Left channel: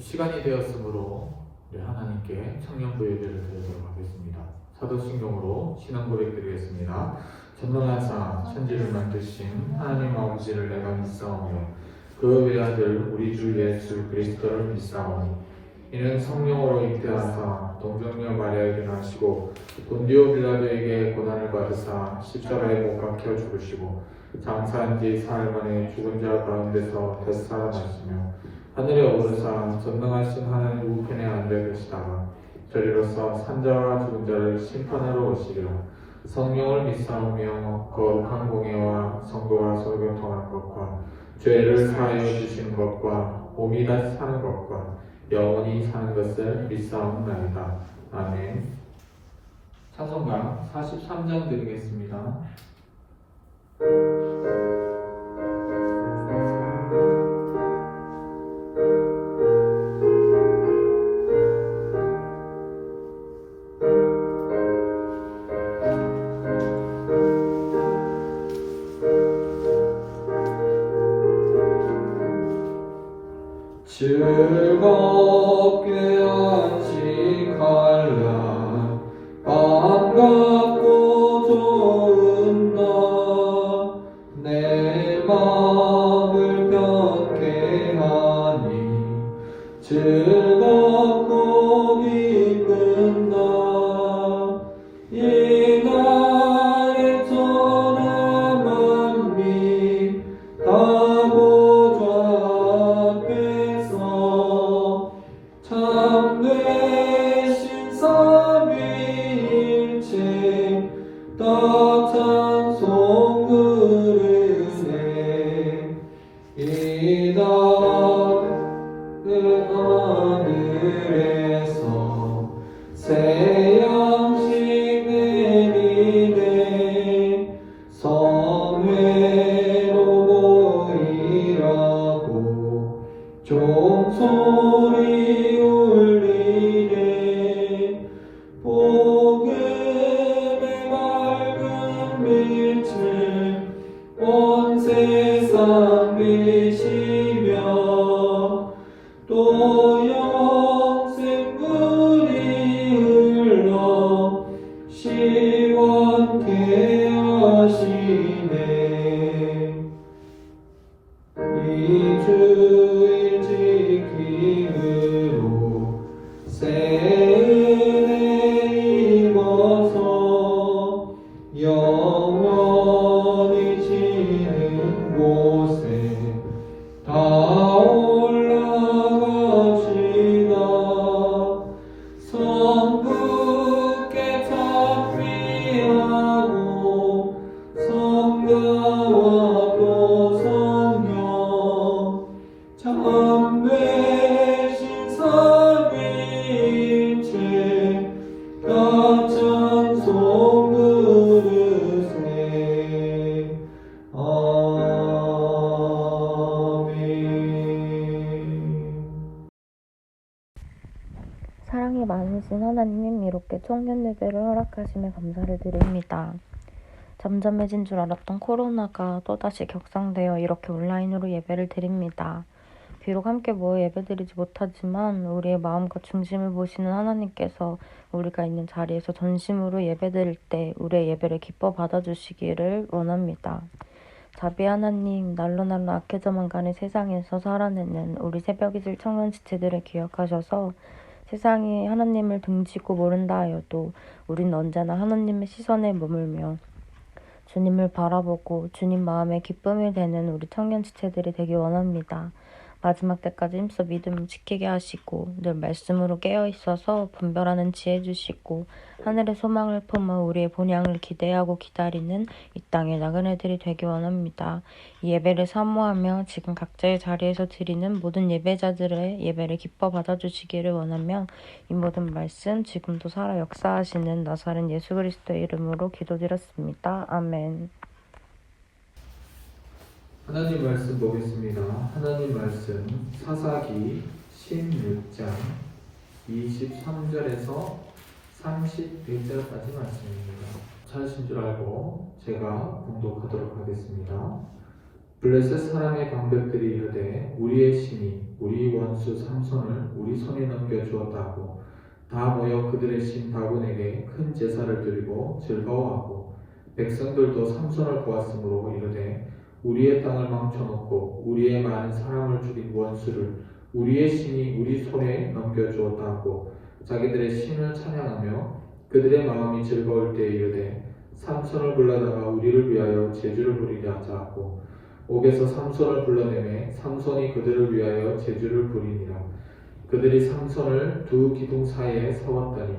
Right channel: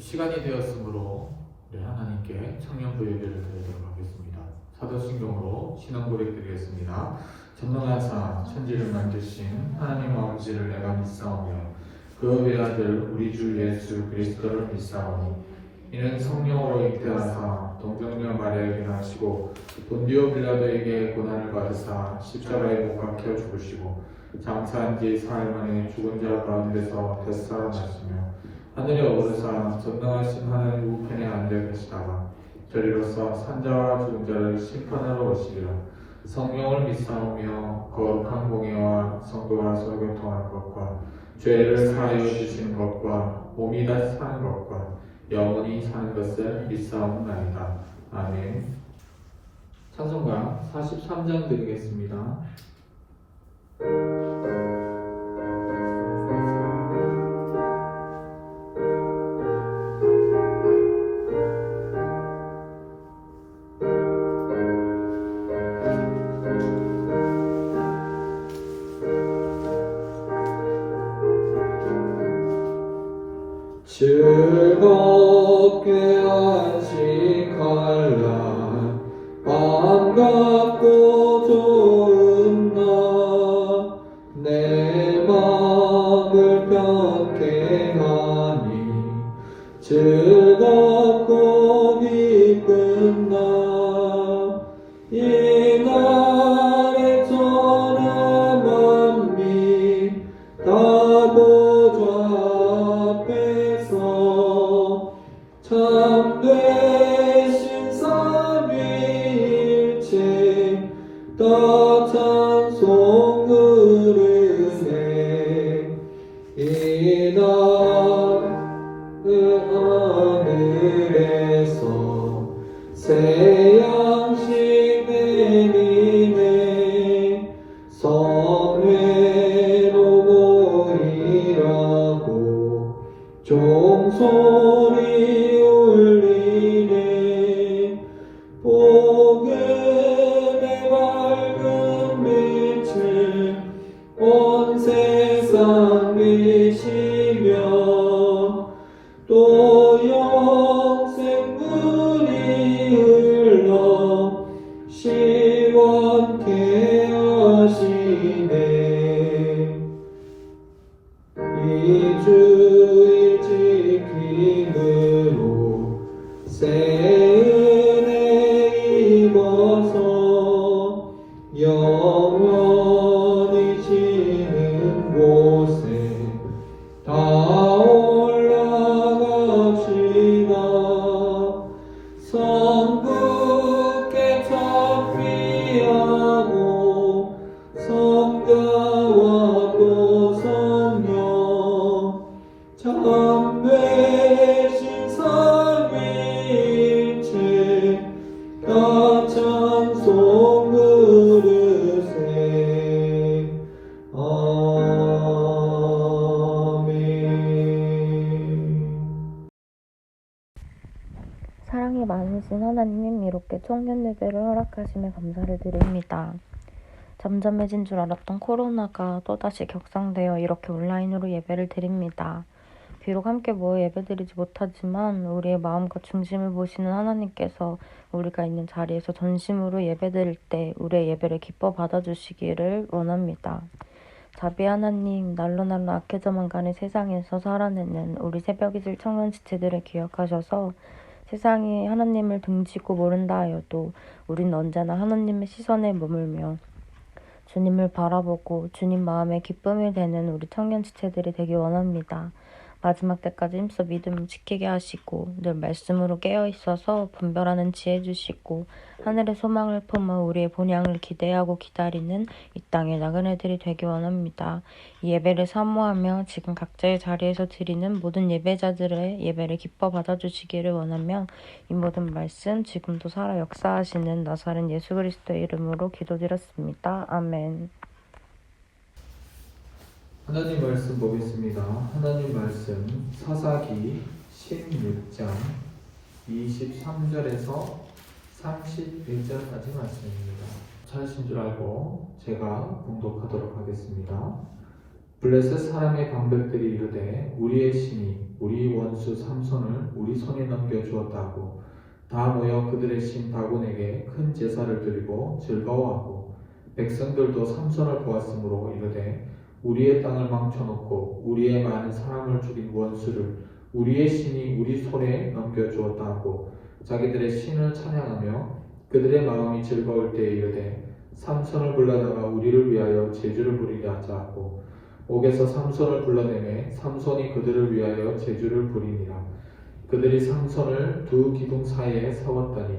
시간이 되었으므로 우리 하나님께 청년부 예배를 드리도록 하겠습니다. 사도신경으로 신앙 고백 드리겠습니다. 전능하사 천지를 만드신 하나님 아버지를 내가 믿사오며 그 외아들 우리 주 예수 그리스도를 믿사오니 이는 성령으로 잉태하사 동정녀 마리아에게 나시고 본디오 빌라도에게 고난을 받으사 십자가에 못 박혀 죽으시고 장사한 지 사흘 만에 죽은 자 가운데서 되살아나시며 하늘에 오르사 전능하신 하나님 우편에 앉아 계시다가 저리로서 산자와 죽은 자를 심판하러 오시리라. 성령을 믿사오며 거룩한 공예와 성도와 설교통한 것과 죄를 사하여 주신 것과 몸이 다시 사는 것과 영원히 사는 것을 믿사옵나이다. 아멘. 찬송가 43장 드리겠습니다. 즐겁게 안식하랴 반갑고 좋은 날 내 맘을 편케 하니 즐겁고 기쁜 날 이 날에 천하 만민 다 보좌 앞에서 참되신 삼위일체 다 찬송 부르세. 이 날의 하늘에서 새 양식 내리네 성회로 보이라고 종소리 울리네. 복음의 밝은 빛을 온 세상 비시며 또 영생물이 흘러 시원케 하시네. 이 주일 지킴으로 새 은혜 입어서 영원히 지는 곳에 다 올라갑시다. 성부께 찬미하고 성자와 또 성령 참되신 삼위일체 다 찬송 부르세. 아멘. 사랑이 많으신 하나님, 이렇게 청년 예배를 허락하심에 감사를 드립니다. 잠잠해진 줄 알았던 코로나가 또다시 격상되어 이렇게 온라인으로 예배를 드립니다. 비록 함께 모여 예배드리지 못하지만 우리의 마음과 중심을 보시는 하나님께서 우리가 있는 자리에서 전심으로 예배드릴 때 우리의 예배를 기뻐 받아주시기를 원합니다. 자비 하나님, 날로 악해져만 가는 세상에서 살아내는 우리 새벽이슬 청년 지체들을 기억하셔서 세상이 하나님을 등지고 모른다 하여도 우린 언제나 하나님의 시선에 머물며 주님을 바라보고 주님 마음에 기쁨이 되는 우리 청년 지체들이 되기 원합니다. 마지막 때까지 힘써 믿음을 지키게 하시고 늘 말씀으로 깨어있어서 분별하는 지혜 주시고 하늘의 소망을 품어 우리의 본향을 기대하고 기다리는 이 땅의 나그네들이 되기 원합니다. 이 예배를 사모하며 지금 각자의 자리에서 드리는 모든 예배자들의 예배를 기뻐 받아주시기를 원하며 이 모든 말씀 지금도 살아 역사하시는 나사렛 예수 그리스도의 이름으로 기도드렸습니다. 아멘. 하나님 말씀 보겠습니다. 하나님 말씀 사사기 16장 23절에서 31절까지 말씀입니다. 찾으신 줄 알고 제가 봉독하도록 하겠습니다. 블레셋 사람의 방백들이 이르되 우리의 신이 우리 원수 삼손을 우리 손에 넘겨주었다고 다 모여 그들의 신 다곤에게 큰 제사를 드리고 즐거워하고 백성들도 삼손을 보았으므로 이르되 우리의 땅을 망쳐놓고 우리의 많은 사람을 죽인 원수를 우리의 신이 우리 손에 넘겨주었다 하고 자기들의 신을 찬양하며 그들의 마음이 즐거울 때에 이르되 삼손을 불러다가 우리를 위하여 제주를 부리게 하자 하고 옥에서 삼손을 불러내매 삼손이 그들을 위하여 제주를 부리니라. 그들이 삼손을 두 기둥 사이에 세웠더니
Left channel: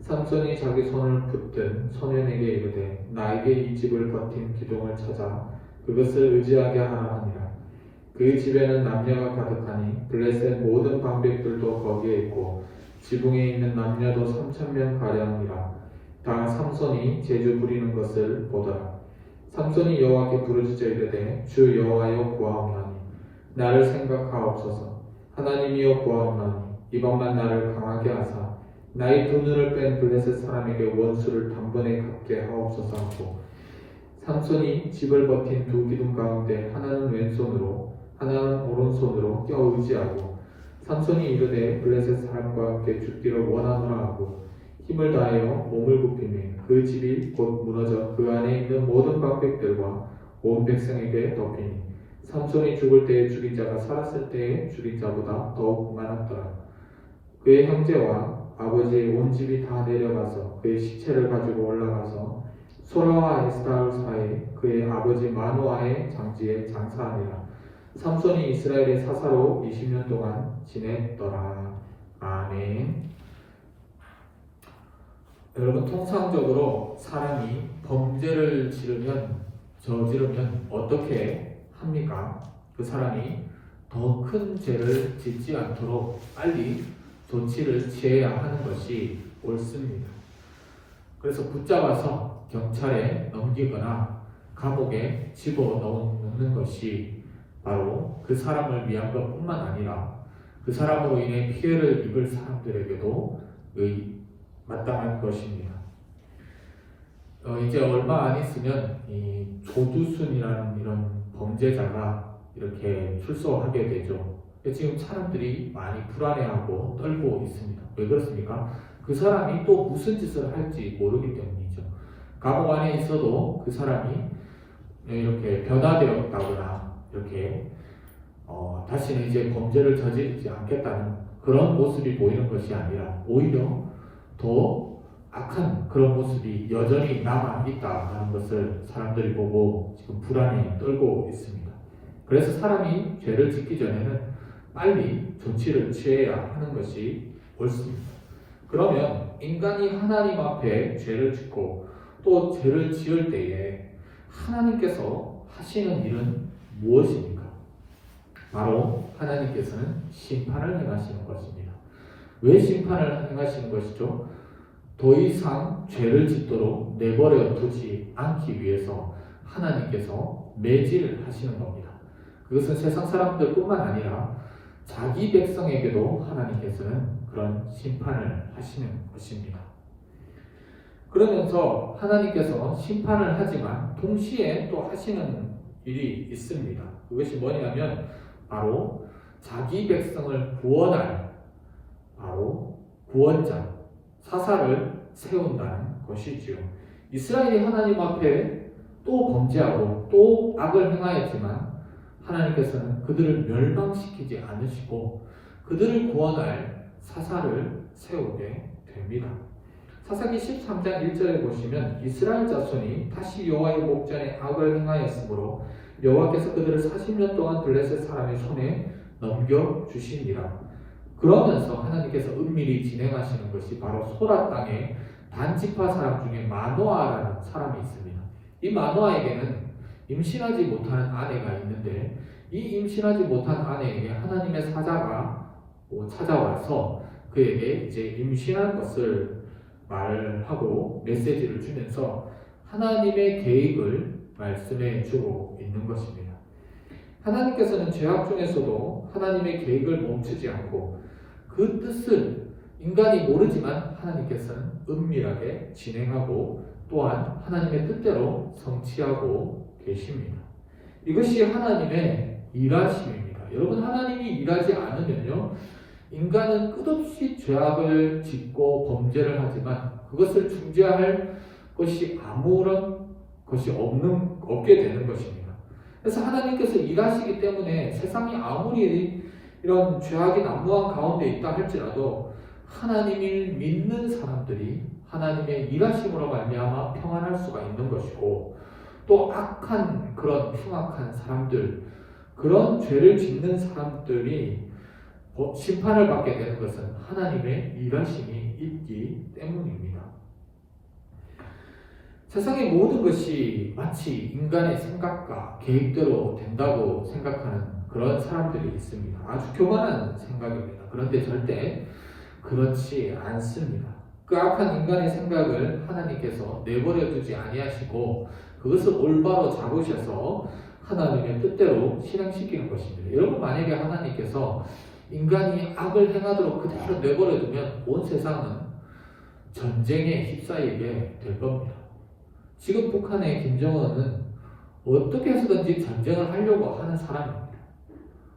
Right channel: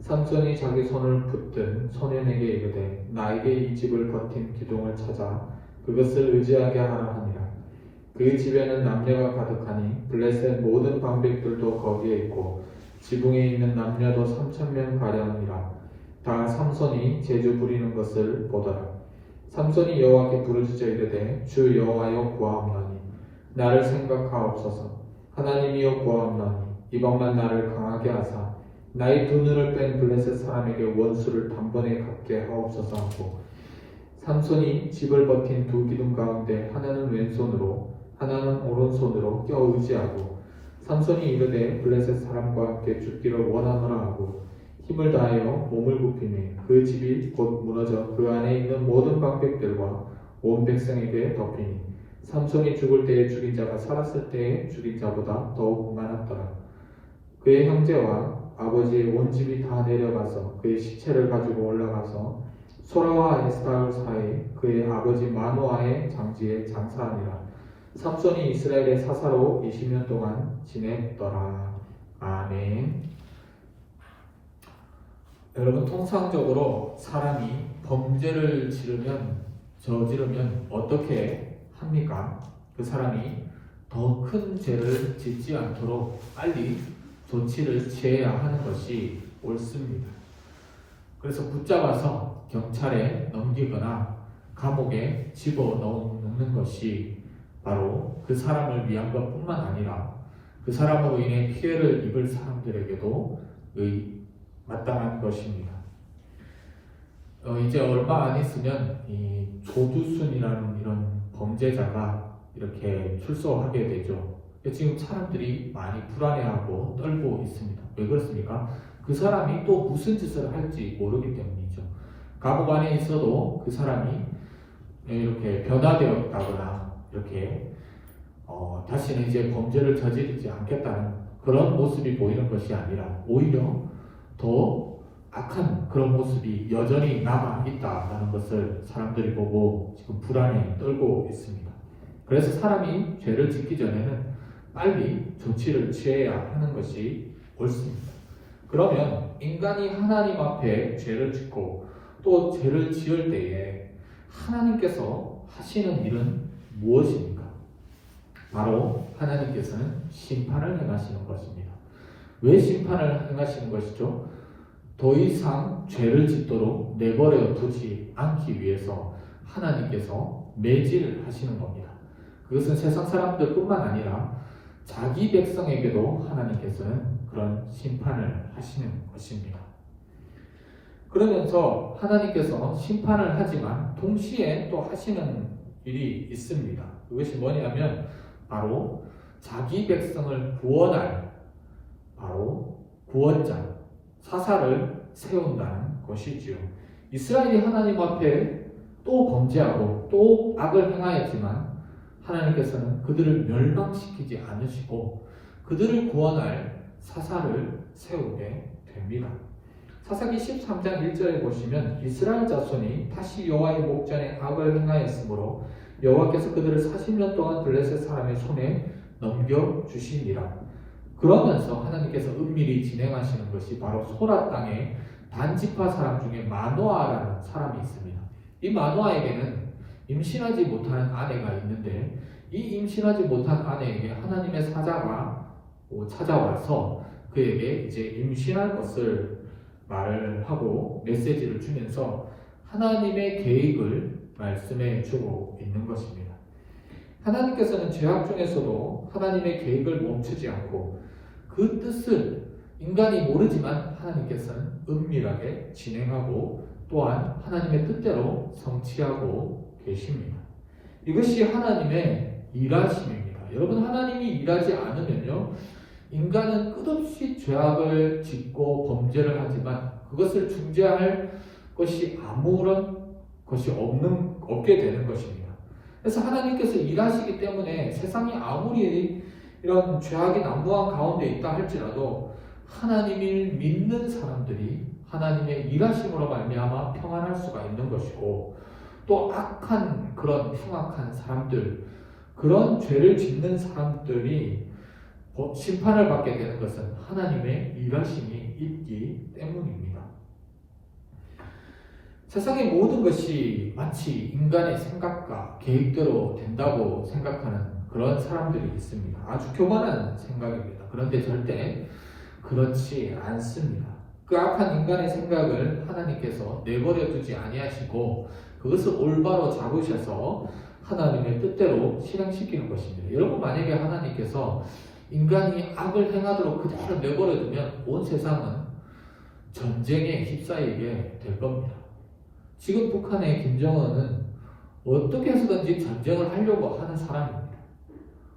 삼손이 자기 손을 붙든 소년에게 이르되 나에게 이 집을 버틴 기둥을 찾아 그것을 의지하게 하라 하니라. 그 집에는 남녀가 가득하니 블레셋 모든 방백들도 거기에 있고 지붕에 있는 남녀도 3,000명 가량이라. 다 삼손이 제주 부리는 것을 보더라. 삼손이 여호와께 부르짖어 이르되 주 여호와여 구하옵나니 나를 생각하옵소서. 하나님이여 구하옵나니 이번만 나를 강하게 하사 나의 두 눈을 뺀 블레셋 사람에게 원수를 단번에 갚게 하옵소서 하고 삼손이 집을 버틴 두 기둥 가운데 하나는 왼손으로 하나는 오른손으로 껴 의지하고 삼손이 이르되 블레셋 사람과 함께 죽기를 원하노라 하고 힘을 다하여 몸을 굽히매 그 집이 곧 무너져 그 안에 있는 모든 방백들과 온 백성에게 덮이니 삼손이 죽을 때에 죽인 자가 살았을 때에 죽인 자보다 더욱 많았더라. 그의 형제와 아버지의 온 집이 다 내려가서 그의 시체를 가지고 올라가서 소라와 에스타올 사이에 그의 아버지 마노아의 장지에 장사하니라. 삼손이 이스라엘의 사사로 20년 동안 지냈더라. 아멘. 여러분, 통상적으로 사람이 범죄를 저지르면 어떻게 합니까? 그 사람이 더 큰 죄를 짓지 않도록 빨리 조치를 취해야 하는 것이 옳습니다. 그래서 붙잡아서 경찰에 넘기거나 감옥에 집어넣는 것이 바로 그 사람을 위한 것뿐만 아니라 그 사람으로 인해 피해를 입을 사람들에게도 마땅한 것입니다. 이제 얼마 안 있으면 이 조두순이라는 이런 범죄자가 이렇게 출소하게 되죠. 지금 사람들이 많이 불안해하고 떨고 있습니다. 왜 그렇습니까? 그 사람이 또 무슨 짓을 할지 모르기 때문이죠. 감옥 안에 있어도 그 사람이 이렇게 변화되었다거나 이렇게 다시는 이제 범죄를 저지르지 않겠다는 그런 모습이 보이는 것이 아니라 오히려 더 악한 그런 모습이 여전히 남아있다는 것을 사람들이 보고 지금 불안에 떨고 있습니다. 그래서 사람이 죄를 짓기 전에는 빨리 조치를 취해야 하는 것이 옳습니다. 그러면 인간이 하나님 앞에 죄를 짓고 또 죄를 지을 때에 하나님께서 하시는 일은 무엇입니까? 바로 하나님께서는 심판을 행하시는 것입니다. 왜 심판을 행하시는 것이죠? 더 이상 죄를 짓도록 내버려 두지 않기 위해서 하나님께서 매질을 하시는 겁니다. 그것은 세상 사람들뿐만 아니라 자기 백성에게도 하나님께서는 그런 심판을 하시는 것입니다. 그러면서 하나님께서 심판을 하지만 동시에 또 하시는 일이 있습니다. 그것이 뭐냐면 바로 자기 백성을 구원할 바로 구원자, 사사를 세운다는 것이지요. 이스라엘이 하나님 앞에 또 범죄하고 또 악을 행하였지만 하나님께서는 그들을 멸망시키지 않으시고 그들을 구원할 사사를 세우게 됩니다. 사사기 13장 1절에 보시면 이스라엘 자손이 다시 여호와의 목전에 악을 행하였으므로 여호와께서 그들을 40년 동안 블레셋 사람의 손에 넘겨주시니라. 그러면서 하나님께서 은밀히 진행하시는 것이 바로 소라 땅에 단지파 사람 중에 마노아라는 사람이 있습니다. 이 마노아에게는 임신하지 못한 아내가 있는데 이 임신하지 못한 아내에게 하나님의 사자가 찾아와서 그에게 이제 임신한 것을 말을 하고 메시지를 주면서 하나님의 계획을 말씀해 주고 있는 것입니다. 하나님께서는 죄악 중에서도 하나님의 계획을 멈추지 않고 그 뜻을 인간이 모르지만 하나님께서는 은밀하게 진행하고 또한 하나님의 뜻대로 성취하고 계십니다. 이것이 하나님의 일하심입니다. 여러분, 하나님이 일하지 않으면요, 인간은 끝없이 죄악을 짓고 범죄를 하지만 그것을 중재할 것이 아무런 것이 없게 되는 것입니다. 그래서 하나님께서 일하시기 때문에 세상이 아무리 이런 죄악이 난무한 가운데 있다 할지라도 하나님을 믿는 사람들이 하나님의 일하심으로 말미암아 평안할 수가 있는 것이고, 또 악한 그런 흉악한 사람들, 그런 죄를 짓는 사람들이 심판을 받게 되는 것은 하나님의 일하심이 있기 때문입니다. 세상의 모든 것이 마치 인간의 생각과 계획대로 된다고 생각하는 그런 사람들이 있습니다. 아주 교만한 생각입니다. 그런데 절대 그렇지 않습니다. 그 악한 인간의 생각을 하나님께서 내버려 두지 아니하시고 그것을 올바로 잡으셔서 하나님의 뜻대로 실행시키는 것입니다. 여러분, 만약에 하나님께서 인간이 악을 행하도록 그대로 내버려 두면 온 세상은 전쟁에 휩싸이게 될 겁니다. 지금 북한의 김정은은 어떻게 해서든지 전쟁을 하려고 하는 사람입니다.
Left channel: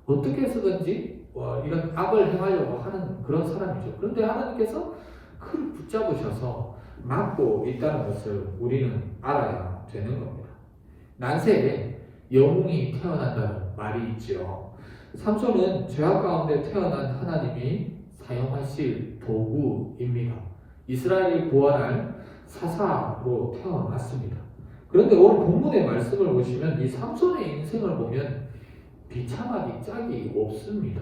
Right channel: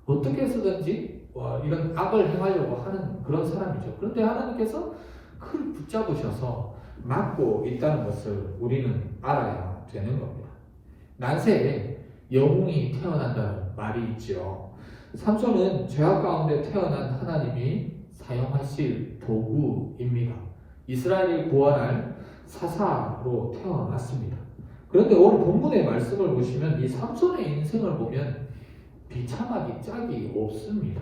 어떻게 해서든지 이런 악을 행하려고 하는 그런 사람이죠. 그런데 하나님께서 그를 붙잡으셔서 막고 있다는 것을 우리는 알아야 되는 겁니다. 난세에 영웅이 태어난다는 말이 있지요. 삼손은 죄악 가운데 태어난 하나님이 사용하실 도구입니다. 이스라엘이 구원할 사사로 태어났습니다. 그런데 오늘 본문의 말씀을 보시면 이 삼손의 인생을 보면 비참하기 짝이 없습니다.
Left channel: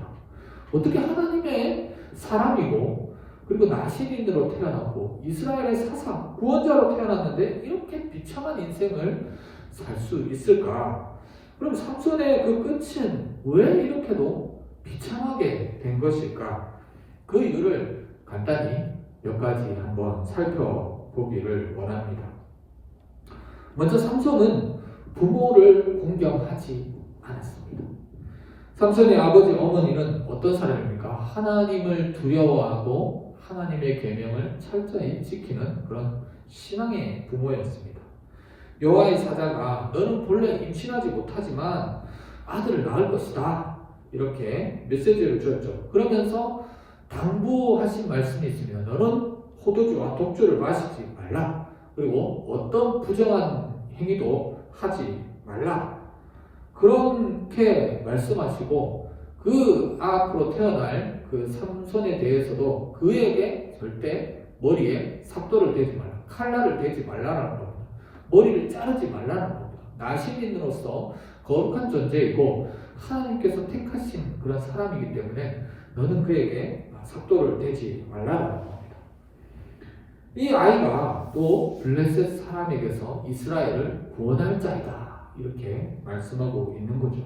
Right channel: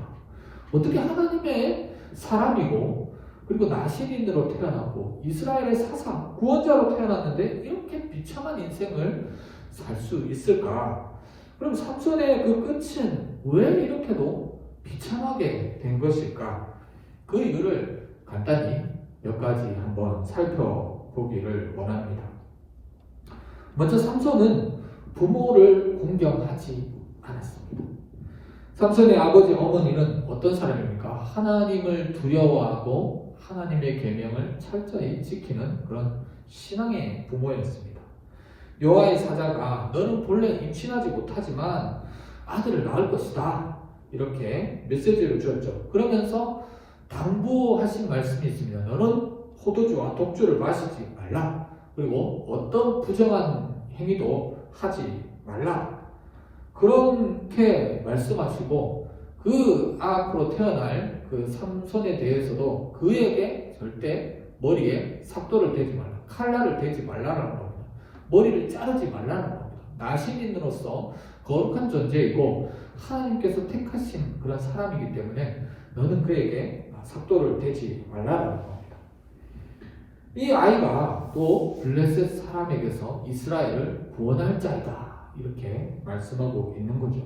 어떻게 하나님의 사람이고 그리고 나시린으로 태어났고 이스라엘의 사사, 구원자로 태어났는데 이렇게 비참한 인생을 살 수 있을까? 그럼 삼손의 그 끝은 왜 이렇게도 비참하게 된 것일까? 그 이유를 간단히 몇 가지 한번 살펴보기를 원합니다. 먼저 삼손은 부모를 공경하지 않았습니다. 삼손의 아버지 어머니는 어떤 사람입니까? 하나님을 두려워하고 하나님의 계명을 철저히 지키는 그런 신앙의 부모였습니다. 여호와의 사자가 너는 본래 임신하지 못하지만 아들을 낳을 것이다, 이렇게 메시지를 주었죠. 그러면서 당부하신 말씀이 있습니다. 너는 포도주와 독주를 마시지 말라, 그리고 어떤 부정한 행위도 하지 말라, 그렇게 말씀하시고 그 앞으로 태어날 그 삼손에 대해서도 그에게 절대 머리에 삽도를 대지 말라, 칼날을 대지 말라라는 겁니다. 머리를 자르지 말라는 겁니다. 나시민으로서 거룩한 존재이고 하나님께서 택하신 그런 사람이기 때문에 너는 그에게 삽도를 대지 말라는 겁니다. 이 아이가 또 블레셋 사람에게서 이스라엘을 구원할 자이다, 이렇게 말씀하고 있는 거죠.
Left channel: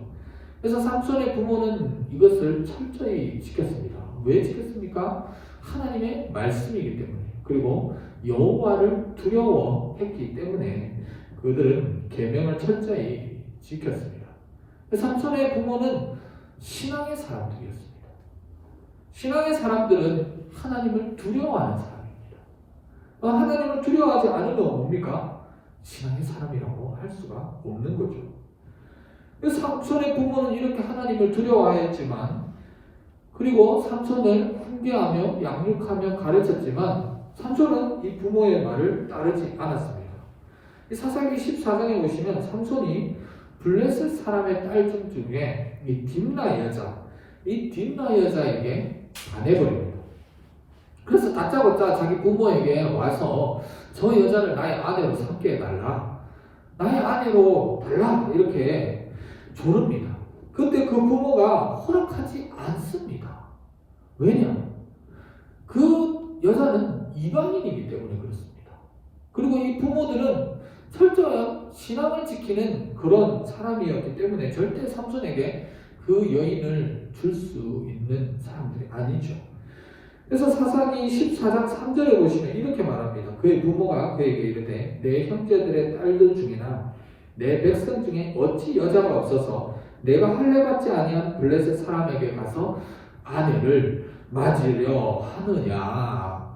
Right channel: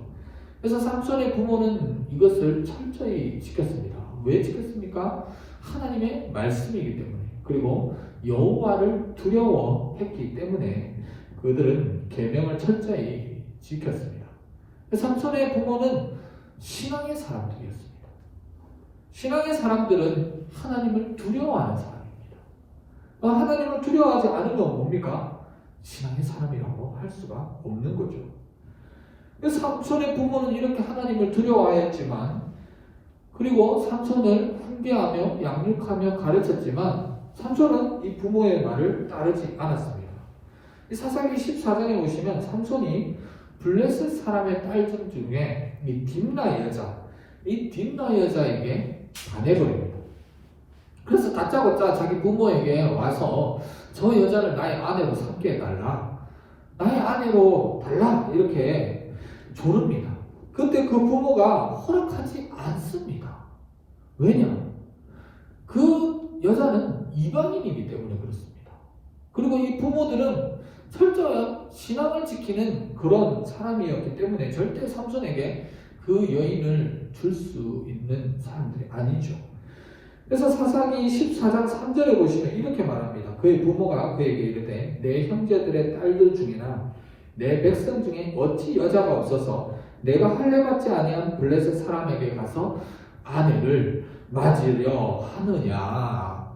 그래서 삼손의 부모는 이것을 철저히 지켰습니다. 왜 지켰습니까? 하나님의 말씀이기 때문에, 그리고 여호와를 두려워했기 때문에 그들은 계명을 철저히 지켰습니다. 삼손의 부모는 신앙의 사람들이었습니다. 신앙의 사람들은 하나님을 두려워하는 사람입니다. 하나님을 두려워하지 않으면 뭡니까? 신앙의 사람이라고 할 수가 없는 거죠. 그래서 삼손의 부모는 이렇게 하나님을 두려워하였지만, 그리고 삼손을 훈계하며 양육하며 가르쳤지만 삼손은 이 부모의 말을 따르지 않았습니다. 이 사사기 14장에 보시면 삼손이 블레셋 사람의 딸 중에 이 딥나 여자에게 반해버립니다. 그래서 다짜고짜 자기 부모에게 와서 저 여자를 나의 아내로 삼게 해달라, 나의 아내로 달라, 이렇게 조릅니다. 그때 그 부모가 허락하지 않습니다. 왜냐? 그 여자는 이방인이기 때문에 그렇습니다. 그리고 이 부모들은 철저한 신앙을 지키는 그런 사람이었기 때문에 절대 삼손에게 그 여인을 줄 수 있는 사람들이 아니죠. 그래서 사사기 14장 3절에 보시면 이렇게 말합니다. 그의 부모가 그에게 이르되 내 형제들의 딸들 중이나 내 백성 중에 어찌 여자가 없어서 내가 할례받지 아니한 블레셋 사람에게 가서 아내를 맞으려 하느냐.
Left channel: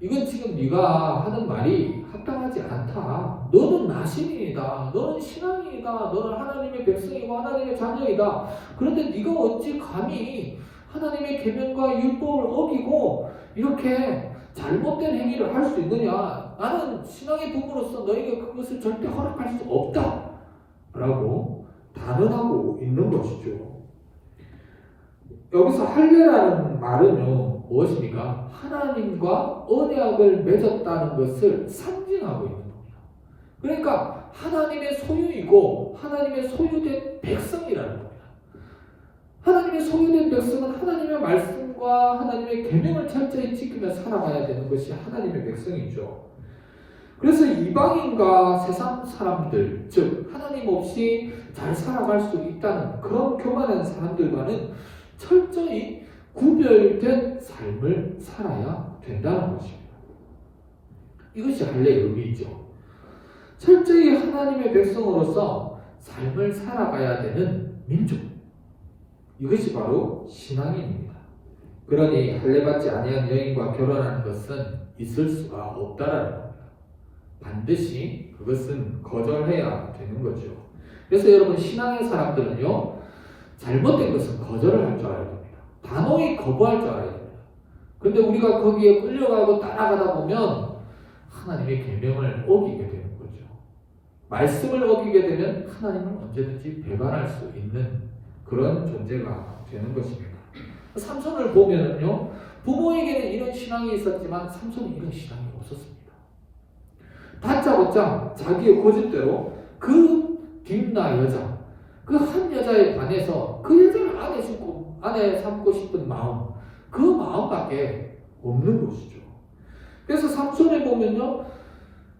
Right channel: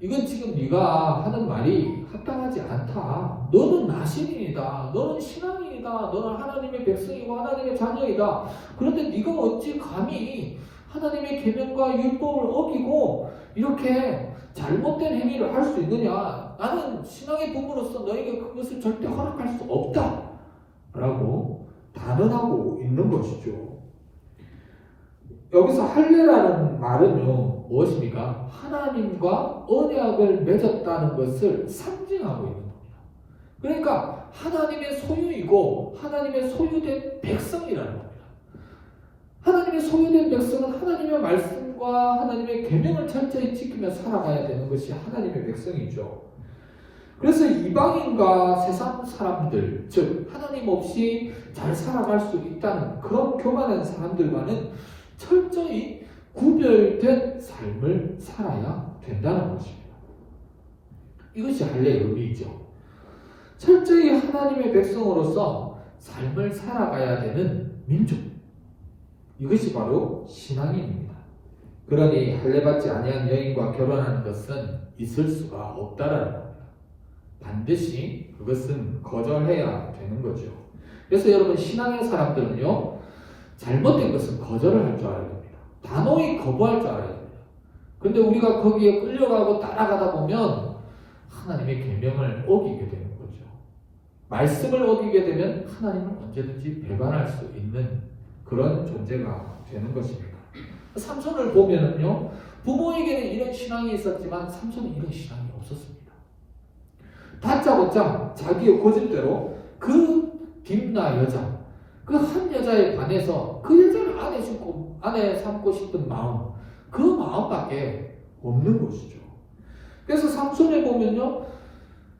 이건 지금 네가 하는 말이 합당하지 않다. 너는 나신인이다. 너는 신앙인이다. 너는 하나님의 백성이고 하나님의 자녀이다. 그런데 네가 어찌 감히 하나님의 계명과 율법을 어기고 이렇게 잘못된 행위를 할 수 있느냐? 나는 신앙의 부모로서 너에게 그것을 절대 허락할 수 없다. 라고 단언하고 있는 것이죠. 여기서 할례라는 말은요, 무엇입니까? 하나님과 언약을 맺었다는 것을 상징하고 있는 겁니다. 그러니까 하나님의 소유이고 하나님의 소유된 백성이라는 겁니다. 하나님의 소유된 백성은 하나님의 말씀과 하나님의 계명을 철저히 지키며 살아가야 되는 것이 하나님의 백성이죠. 그래서 이방인과 세상 사람들, 즉 하나님 없이 잘 살아갈 수 있다는 그런 교만한 사람들과는 철저히 구별된 삶을 살아야 된다는 것입니다. 이것이 할례의 의미이죠. 철저히 하나님의 백성으로서 삶을 살아가야 되는 민족, 이것이 바로 신앙인입니다. 그러니 할례받지 아니한 여인과 결혼하는 것은 있을 수가 없다라는 겁니다. 반드시 그것은 거절해야 되는 거죠. 그래서 여러분, 신앙의 사람들은요, 잘못된 것은 거절을 할 줄 알아야 됩니다. 단호히 거부할 줄 알아야 됩니다. 근데 우리가 거기에 끌려가고 따라가다 보면 하나님의 계명을 어기게 되는 거죠. 말씀을 어기게 되면 하나님을 언제든지 배반할 수 있는 그런 존재가 되는 것입니다. 삼손을 보면은요, 부모에게는 이런 신앙이 있었지만 삼손은 이런 신앙이 없었습니다. 다짜고짜 자기의 고집대로 그 딥나 여자, 그 한 여자에 반해서 그 여자를 아내 삼고 싶은 마음, 그 마음밖에 없는 것이죠. 그래서 삼손에 보면요,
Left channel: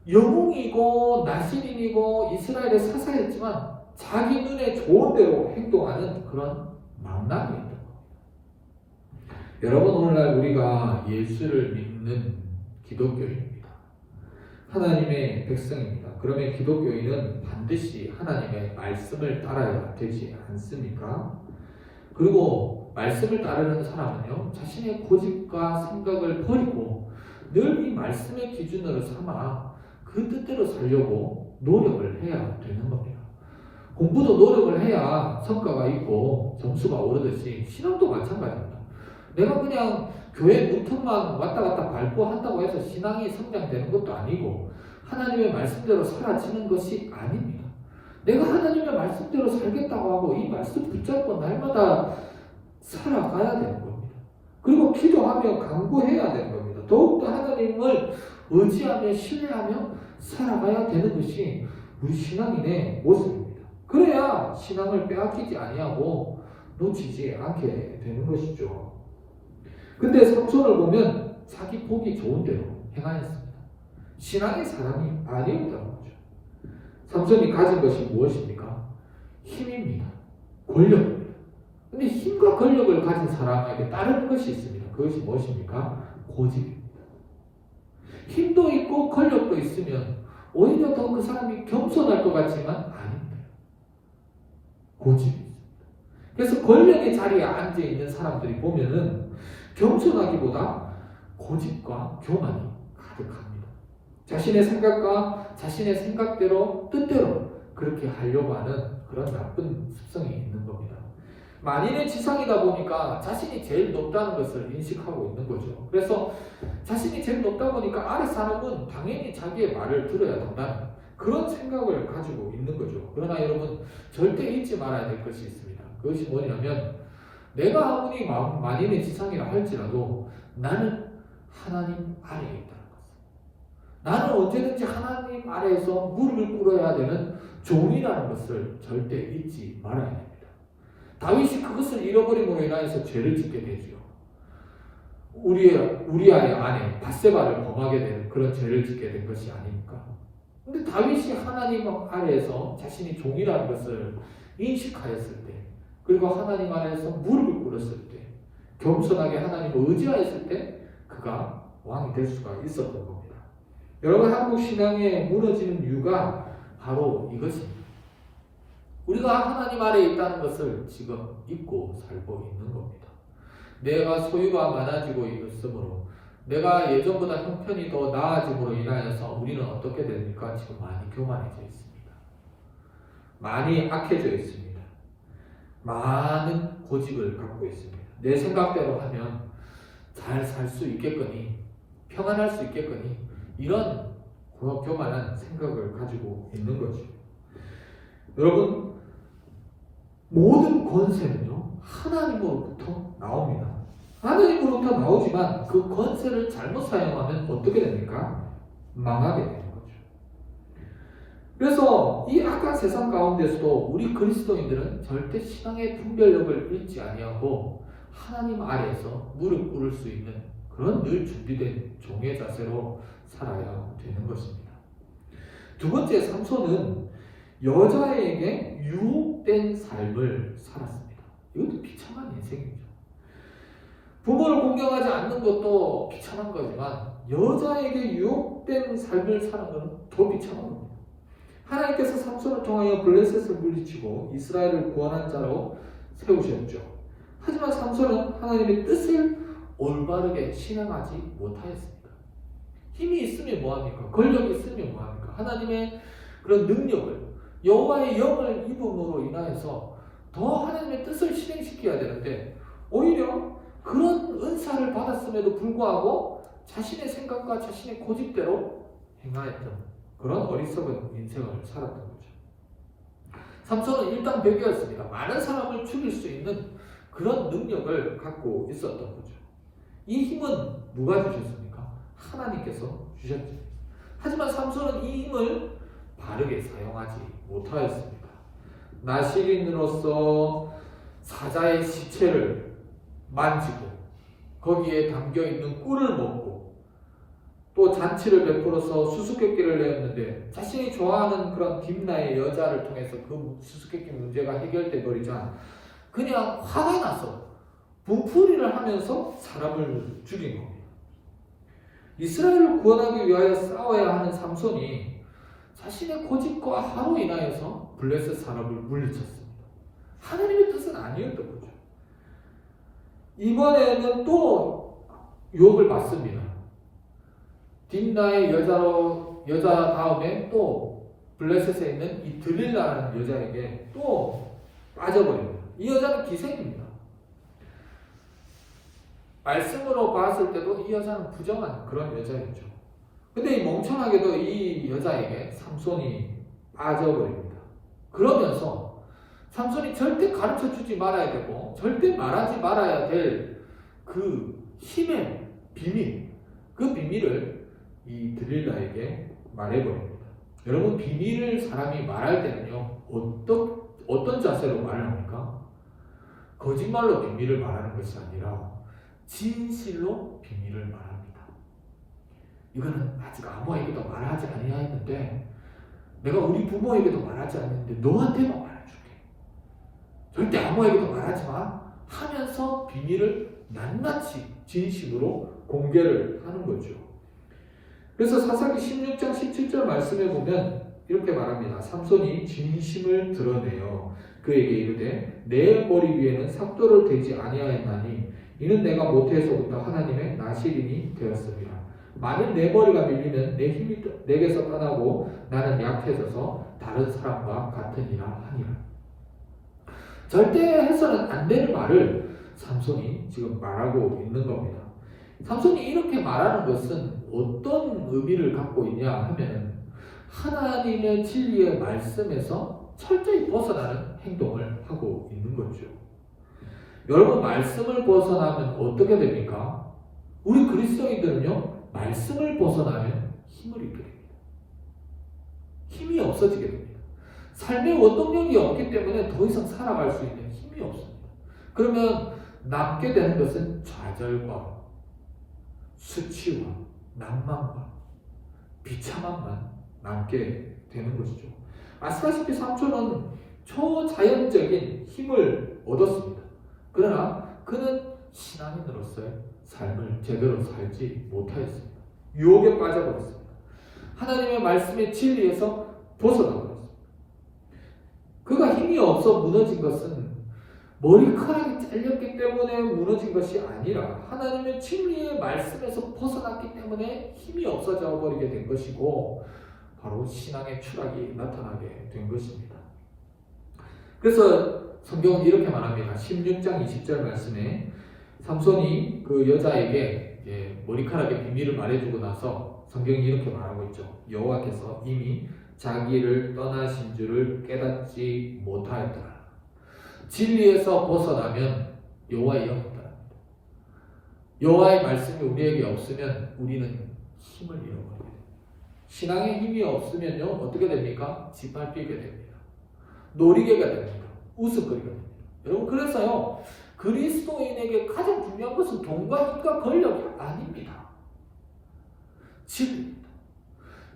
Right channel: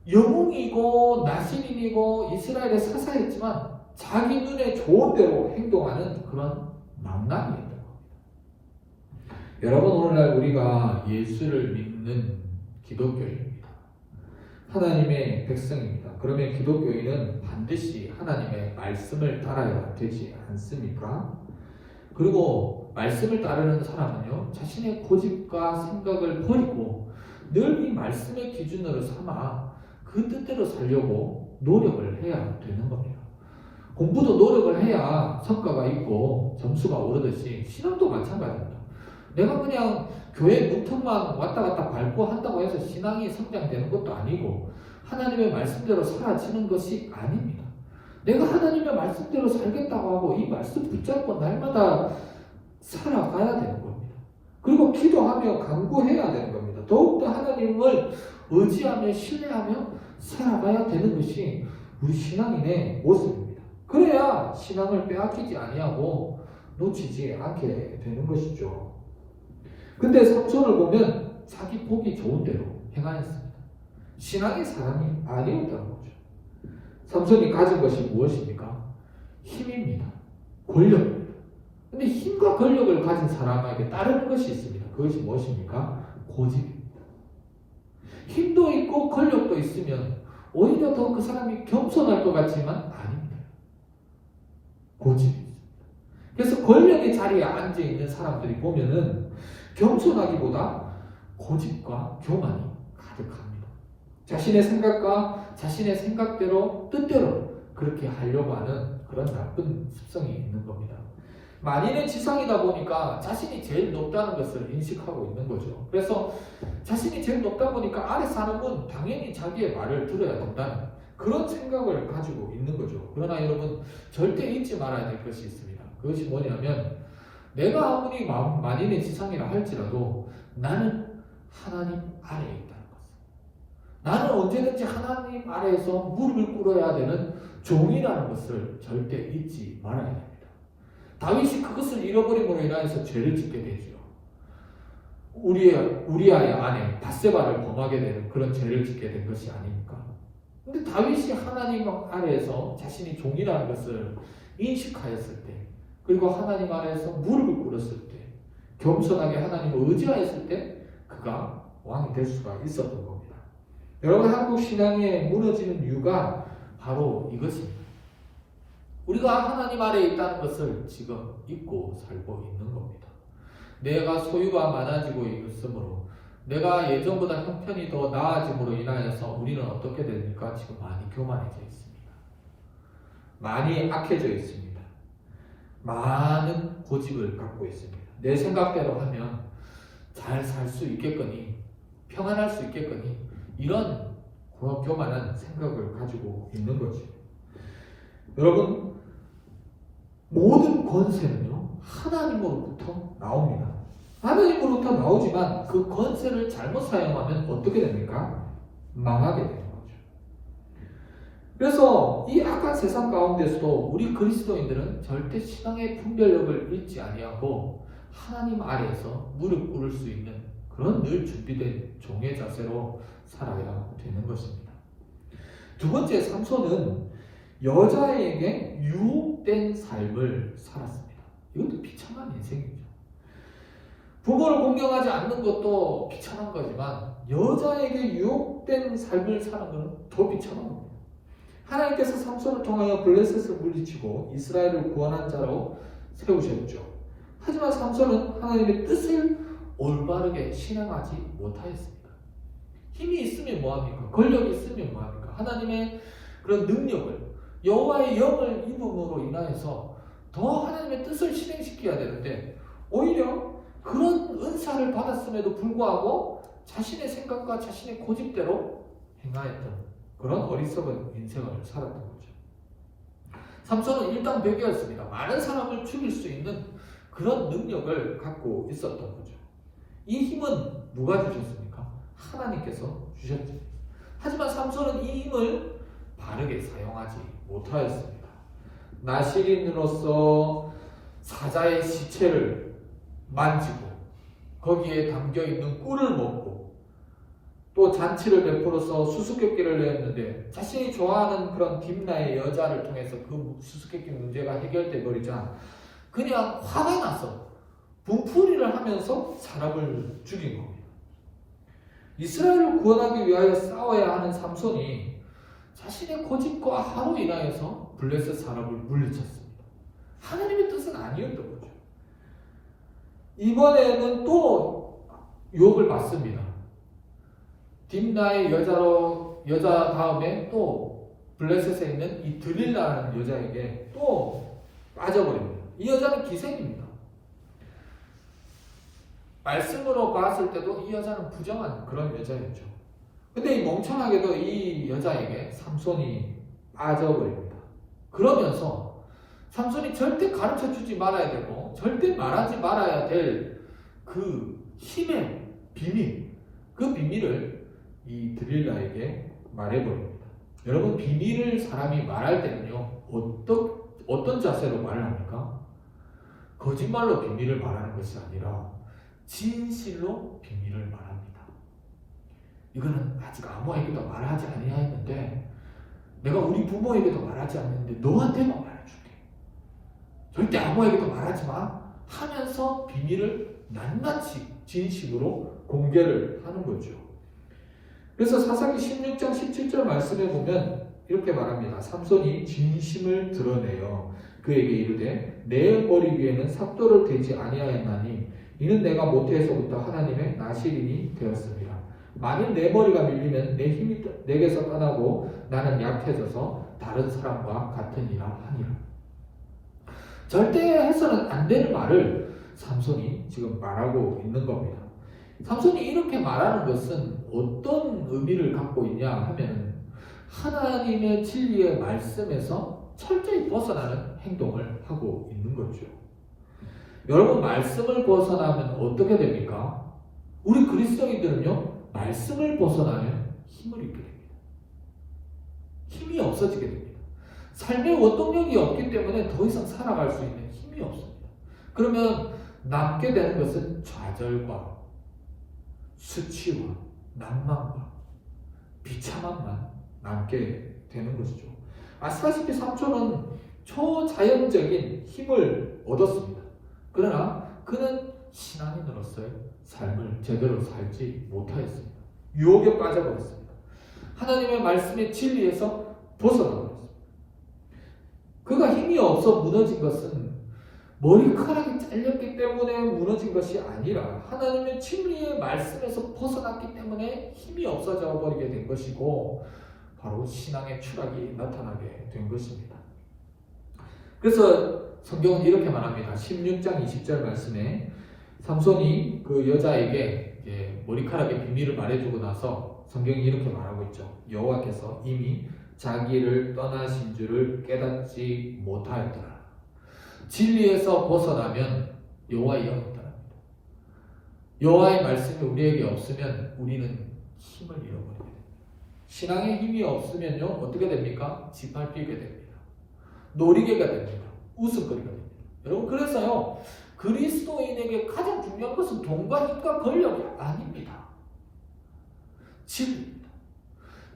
영웅이고 나신인이고 이스라엘의 사사였지만 자기 눈에 좋은 대로 행동하는 그런 망나니였던 겁니다. 여러분, 오늘날 우리가 예수를 믿는 기독교인입니다. 하나님의 백성입니다. 그러면 기독교인은 반드시 하나님의 말씀을 따라야 되지 않습니까? 그리고 말씀을 따르는 사람은요, 자신의 고집과 생각을 버리고 늘 이 말씀의 기준으로 삼아 그 뜻대로 살려고 노력을 해야 되는 겁니다. 공부도 노력을 해야 성과가 있고 점수가 오르듯이 신앙도 마찬가지입니다. 내가 그냥 교회 문턱만 왔다 갔다 밟고 한다고 해서 신앙이 성장되는 것도 아니고 하나님의 말씀대로 사라지는 것이 아닙니다. 내가 하나님의 말씀대로 살겠다고 하고 이 말씀 붙잡고 날마다 살아가야 되는 겁니다. 그리고 기도하며 간구해야 되는 겁니다. 더욱더 하나님을 의지하며 신뢰하며 살아가야 되는 것이 우리 신앙인의 모습입니다. 그래야 신앙을 빼앗기지 아니하고 놓치지 않게 되는 것이죠. 근데 삼손을 보면 자기 보기 좋은 대로 행하였습니다. 신앙의 사람이 아니었다는 거죠. 삼손이 가진 것이 무엇입니까? 힘입니다. 권력입니다. 근데 힘과 권력을 가진 사람에게 따르는 것이 있습니다. 그것이 무엇입니까? 고집입니다. 힘도 있고 권력도 있으면 오히려 더 그 사람이 겸손할 것 같지만 아닙니다. 고집이 있습니다. 그래서 권력의 자리에 앉아있는 사람들이 보면은 겸손하기보다 고집과 교만이 가득합니다. 자신의 생각과 자신의 생각대로 뜻대로 그렇게 하려고 하는 그런 나쁜 습성이 있는 겁니다. 만인의 지상이다 보니까 자신이 제일 높다는 것을 인식하고 있는 거죠. 그래서 자신이 제일 높다 보니까 아래 사람은 당연히 자기의 말을 들어야 된다는 그런 생각을 가지고 있는 거죠. 그러나 여러분, 절대 잊지 말아야 될 것이 있습니다. 그것이 뭐냐면 내가 아무리 만인의 지상이라 할지라도 나는 하나님 아래에 있다는 것. 나는 언제든지 하나님 아래에서 무릎을 꿇어야 되는 종이라는 것을 절대 잊지 말아야 됩니다. 다윗이 그것을 잃어버림으로 인하여서 죄를 짓게 되죠. 우리아의 아내 밧세바를 범하게 되는 그런 죄를 짓게 된 것이 아닙니까? 근데 다윗이 하나님 아래에서 자신이 종이라는 것을 인식하였을 때, 그리고 하나님 아래에서 무릎을 꿇었을 때, 겸손하게 하나님을 의지하였을 때 그가 왕이 될 수가 있었던 겁니다. 여러분, 한국 신앙에 무너지는 이유가 바로 이것입니다. 우리가 하나님 아래에 있다는 것을 지금 잊고 살고 있는 겁니다. 내가 소유가 많아지고 있으므로 내가 예전보다 형편이 더 나아짐으로 인하여서 우리는 어떻게 됩니까? 지금 많이 교만해져 있습니다. 많이 악해져 있습니다. 많은 고집을 갖고 있습니다. 내 생각대로 하면 잘 살 수 있겠거니, 평안할 수 있겠거니, 이런 교만한 생각을 가지고 있는 거죠. 여러분, 모든 권세는요, 하나님으로부터 나옵니다. 하나님으로부터 나오지만 그 권세를 잘못 사용하면 어떻게 됩니까? 망하게 되는 거죠. 그래서 이 악한 세상 가운데서도 우리 그리스도인들은 절대 신앙의 분별력을 잃지 아니하고 하나님 아래에서 무릎 꿇을 수 있는 그런 늘 준비된 종의 자세로 살아야 되는 것입니다. 두 번째, 삼손은 여자에게 유혹된 삶을 살았습니다. 이것도 비참한 인생이죠. 부모를 공경하지 않는 것도 비참한 거지만 여자에게 유혹된 삶을 사는 것은 더 비참한 겁니다. 하나님께서 삼손을 통하여 블레셋을 물리치고 이스라엘을 구원한 자로 세우셨죠. 하지만 삼손은 하나님의 뜻을 올바르게 실행하지 못하였습니다. 힘이 있으면 뭐합니까? 권력이 있으면 뭐합니까? 하나님의 그런 능력을, 여호와의 영을 입음으로 인하여서 더 하나님의 뜻을 실행시켜야 되는데 오히려 그런 은사를 받았음에도 불구하고 자신의 생각과 자신의 고집대로 행하였던 그런 어리석은 인생을 살았던 거죠. 삼손은 일당백이었습니다. 많은 사람을 죽일 수 있는 그런 능력을 갖고 있었던 거죠. 이 힘은 누가 주셨습니까? 하나님께서 주셨죠. 하지만 삼손은 이 힘을 바르게 사용하지 못하였습니다. 나실인으로서 사자의 시체를 만지고 거기에 담겨있는 꿀을 먹고 또 잔치를 베풀어서 수수께끼를 내었는데 자신이 좋아하는 그런 딥나의 여자를 통해서 그 수수께끼 문제가 해결돼 버리자 그냥 화가 나서 분풀이를 하면서 사람을 죽인 겁니다. 이스라엘을 구원하기 위하여 싸워야 하는 삼손이 자신의 고집과 화로 인하여서 블레셋 사람을 물리쳤습니다. 하나님의 뜻은 아니었던 거죠. 이번에는 또 유혹을 받습니다. 딥나의 여자 다음에 또 블레셋에 있는 이 드릴라라는 여자에게 또 빠져버립니다. 이 여자는 기생입니다. 말씀으로 봤을 때도 이 여자는 부정한 그런 여자였죠. 근데 이 멍청하게도 이 여자에게 삼손이 빠져버립니다. 그러면서 삼손이 절대 가르쳐 주지 말아야 되고 절대 말하지 말아야 될 그 힘의 비밀, 그 비밀을 이 드릴라에게 말해버립니다. 여러분, 비밀을 사람이 말할 때는요, 어떤 자세로 말을 합니까? 거짓말로 비밀을 말하는 것이 아니라 진실로 비밀을 말합니다. 이거는 아직 아무에게도 말하지 아니하였는데 내가 우리 부모에게도 말하지 않는데 너한테만 말해줄게. 절대 아무에게도 말하지 마 하면서 비밀을 낱낱이 진심으로 공개를 하는 거죠. 그래서 사사기 16장 17절 말씀에 보면 이렇게 말합니다. 삼손이 진심을 드러내어 그에게 이르되 내 머리 위에는 삭도를 대지 아니하였나니 이는 내가 모태에서부터 하나님의 나실인이 되었습니다. 만일 내 머리가 밀리면 내 힘이 내게서 떠나고 나는 약해져서 다른 사람과 같으니라 하니라. 절대 해서는 안 되는 말을 삼손이 지금 말하고 있는 겁니다. 삼손이 이렇게 말하는 것은 어떤 의미를 갖고 있냐 하면 하나님의 진리의 말씀에서 철저히 벗어나는 행동을 하고 있는 거죠. 여러분, 말씀을 벗어나면 어떻게 됩니까? 우리 그리스도인들은요, 말씀을 벗어나면 힘을 잃게 됩니다. 힘이 없어지게 됩니다. 삶의 원동력이 없기 때문에 더 이상 살아갈 수 있는 힘이 없습니다. 그러면 남게 되는 것은 좌절과 수치와 낭만과 비참함만 남게 되는 것이죠. 아시다시피 삼손은 초자연적인 힘을 얻었습니다. 그러나 그는 신앙인으로서의 삶을 제대로 살지 못하였습니다. 유혹에 빠져버렸습니다. 하나님의 말씀의 진리에서 벗어나버렸습니다. 그가 힘이 없어 무너진 것은 머리카락이 잘렸기 때문에 무너진 것이 아니라 하나님의 진리의 말씀에서 벗어났기 때문에 힘이 없어져 버리게 된 것이고 바로 신앙의 추락이 나타나게 된 것입니다. 그래서 성경은 이렇게 말합니다. 16장 20절 말씀에 삼손이 그 여자에게 머리카락의 비밀을 말해주고 나서 성경이 이렇게 말하고 있죠. 여호와께서 이미 자기를 떠나신 줄을 깨닫지 못하였더라. 진리에서 벗어나면 여호와의 영이 떠납니다. 여호와의 말씀이 우리에게 없으면 우리는 힘을 잃어버리게 됩니다. 신앙의 힘이 없으면요 어떻게 됩니까? 짓밟히게 됩니다. 놀이개가 됩니다. 웃음거리가 됩니다. 여러분 그래서요 그리스도인에게 가장 중요한 것은 돈과 힘과 권력이 아닙니다. 진리입니다.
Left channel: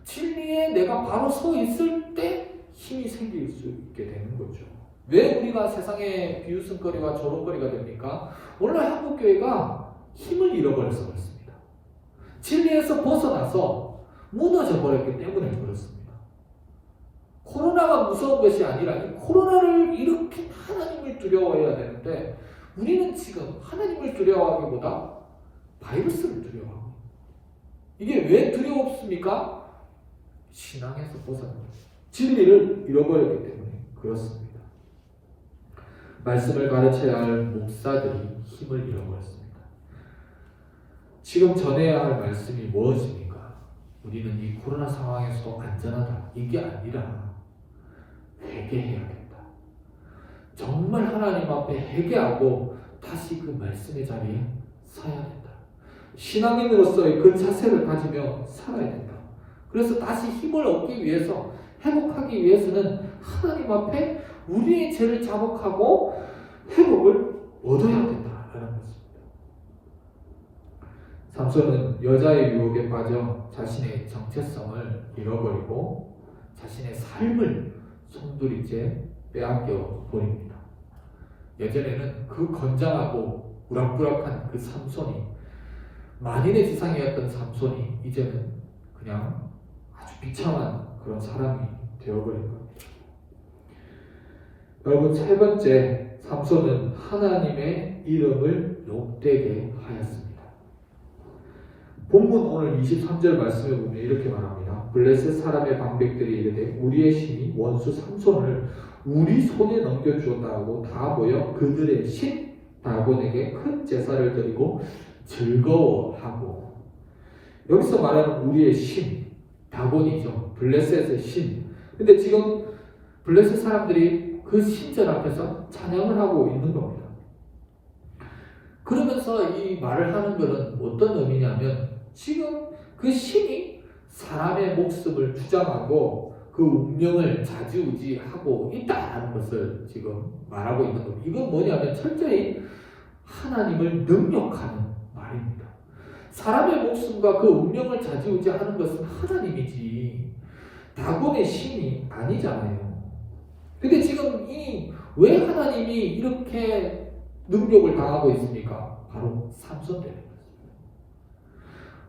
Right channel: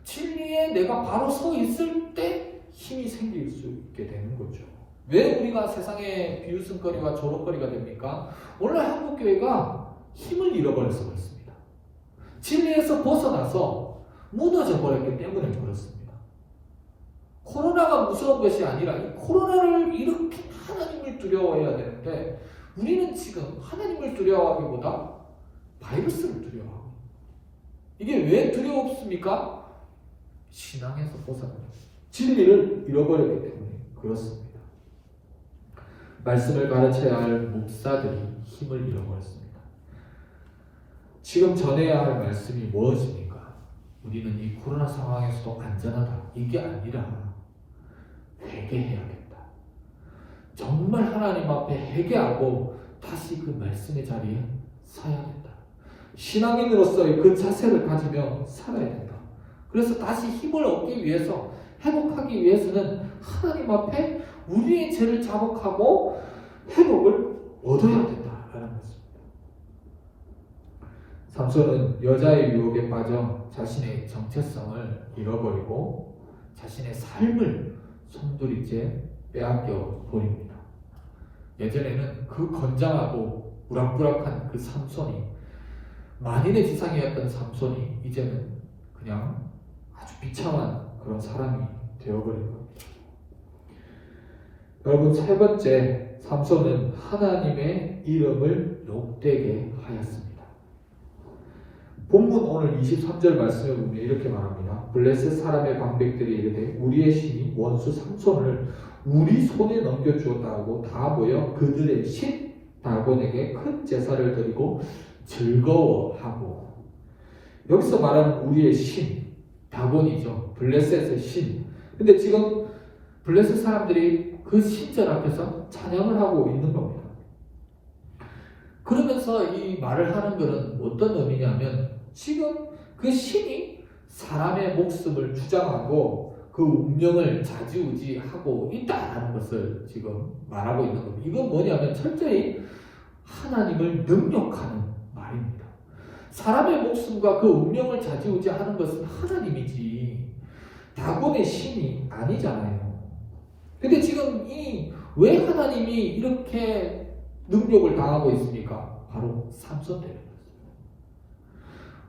진리에 내가 바로 서 있을 때 힘이 생길 수 있게 되는 거죠. 왜 우리가 세상에 비웃음거리와 조롱거리가 됩니까? 오늘 한국교회가 힘을 잃어버려서 그렇습니다. 진리에서 벗어나서 무너져 버렸기 때문에 그렇습니다. 코로나가 무서운 것이 아니라 이 코로나를 이렇게 하나님을 두려워해야 되는데 우리는 지금 하나님을 두려워하기보다 바이러스를 두려워하고 이게 왜 두려웠습니까? 신앙에서 벗어난 진리를 잃어버렸기 때문에 그렇습니다. 말씀을 가르쳐야 할 목사들이 힘을 잃어버렸습니다. 지금 전해야 할 말씀이 무엇입니까? 우리는 이 코로나 상황에서도 안전하다. 이게 아니라 회개해야겠다. 정말 하나님 앞에 회개하고 다시 그 말씀의 자리에 서야 된다. 신앙인으로서의 그 자세를 가지며 살아야 된다. 그래서 다시 힘을 얻기 위해서 회복하기 위해서는 하나님 앞에 우리의 죄를 자복하고 회복을 얻어야 된다라는 것입니다. 삼손은 여자의 유혹에 빠져 자신의 정체성을 잃어버리고 자신의 삶을 송두리째 빼앗겨 버립니다. 예전에는 그 건장하고 우락부락한 그 삼손이 만인의 지상이었던 삼손이 이제는 그냥 아주 비참한 그런 사람이 되어버린 겁니다. 여러분 세 번째 삼손은 하나님의 이름을 욕되게 하였습니다. 본문 오늘 23절 말씀에 보면 이렇게 말합니다. 블레셋 사람의 방백들이 이르되 우리의 신이 원수 삼손을 우리 손에 넘겨주었다고 다 모여 그들의 신 다곤에게 큰 제사를 드리고 즐거워하고 여기서 말하는 우리의 신 다곤이죠. 블레셋의 신. 근데 지금 블레셋 사람들이 그 신전 앞에서 찬양을 하고 있는 겁니다. 그러면서 이 말을 하는 것은 어떤 의미냐면 지금 그 신이 사람의 목숨을 주장하고 그 운명을 좌지우지하고 있다라는 것을 지금 말하고 있는 겁니다. 이건 뭐냐면 철저히 하나님을 능력하는 말입니다. 사람의 목숨과 그 운명을 좌지우지하는 것은 하나님이지 다곤의 신이 아니잖아요. 근데 지금 왜 하나님이 이렇게 능력을 당하고 있습니까? 바로 삼손 때문입니다.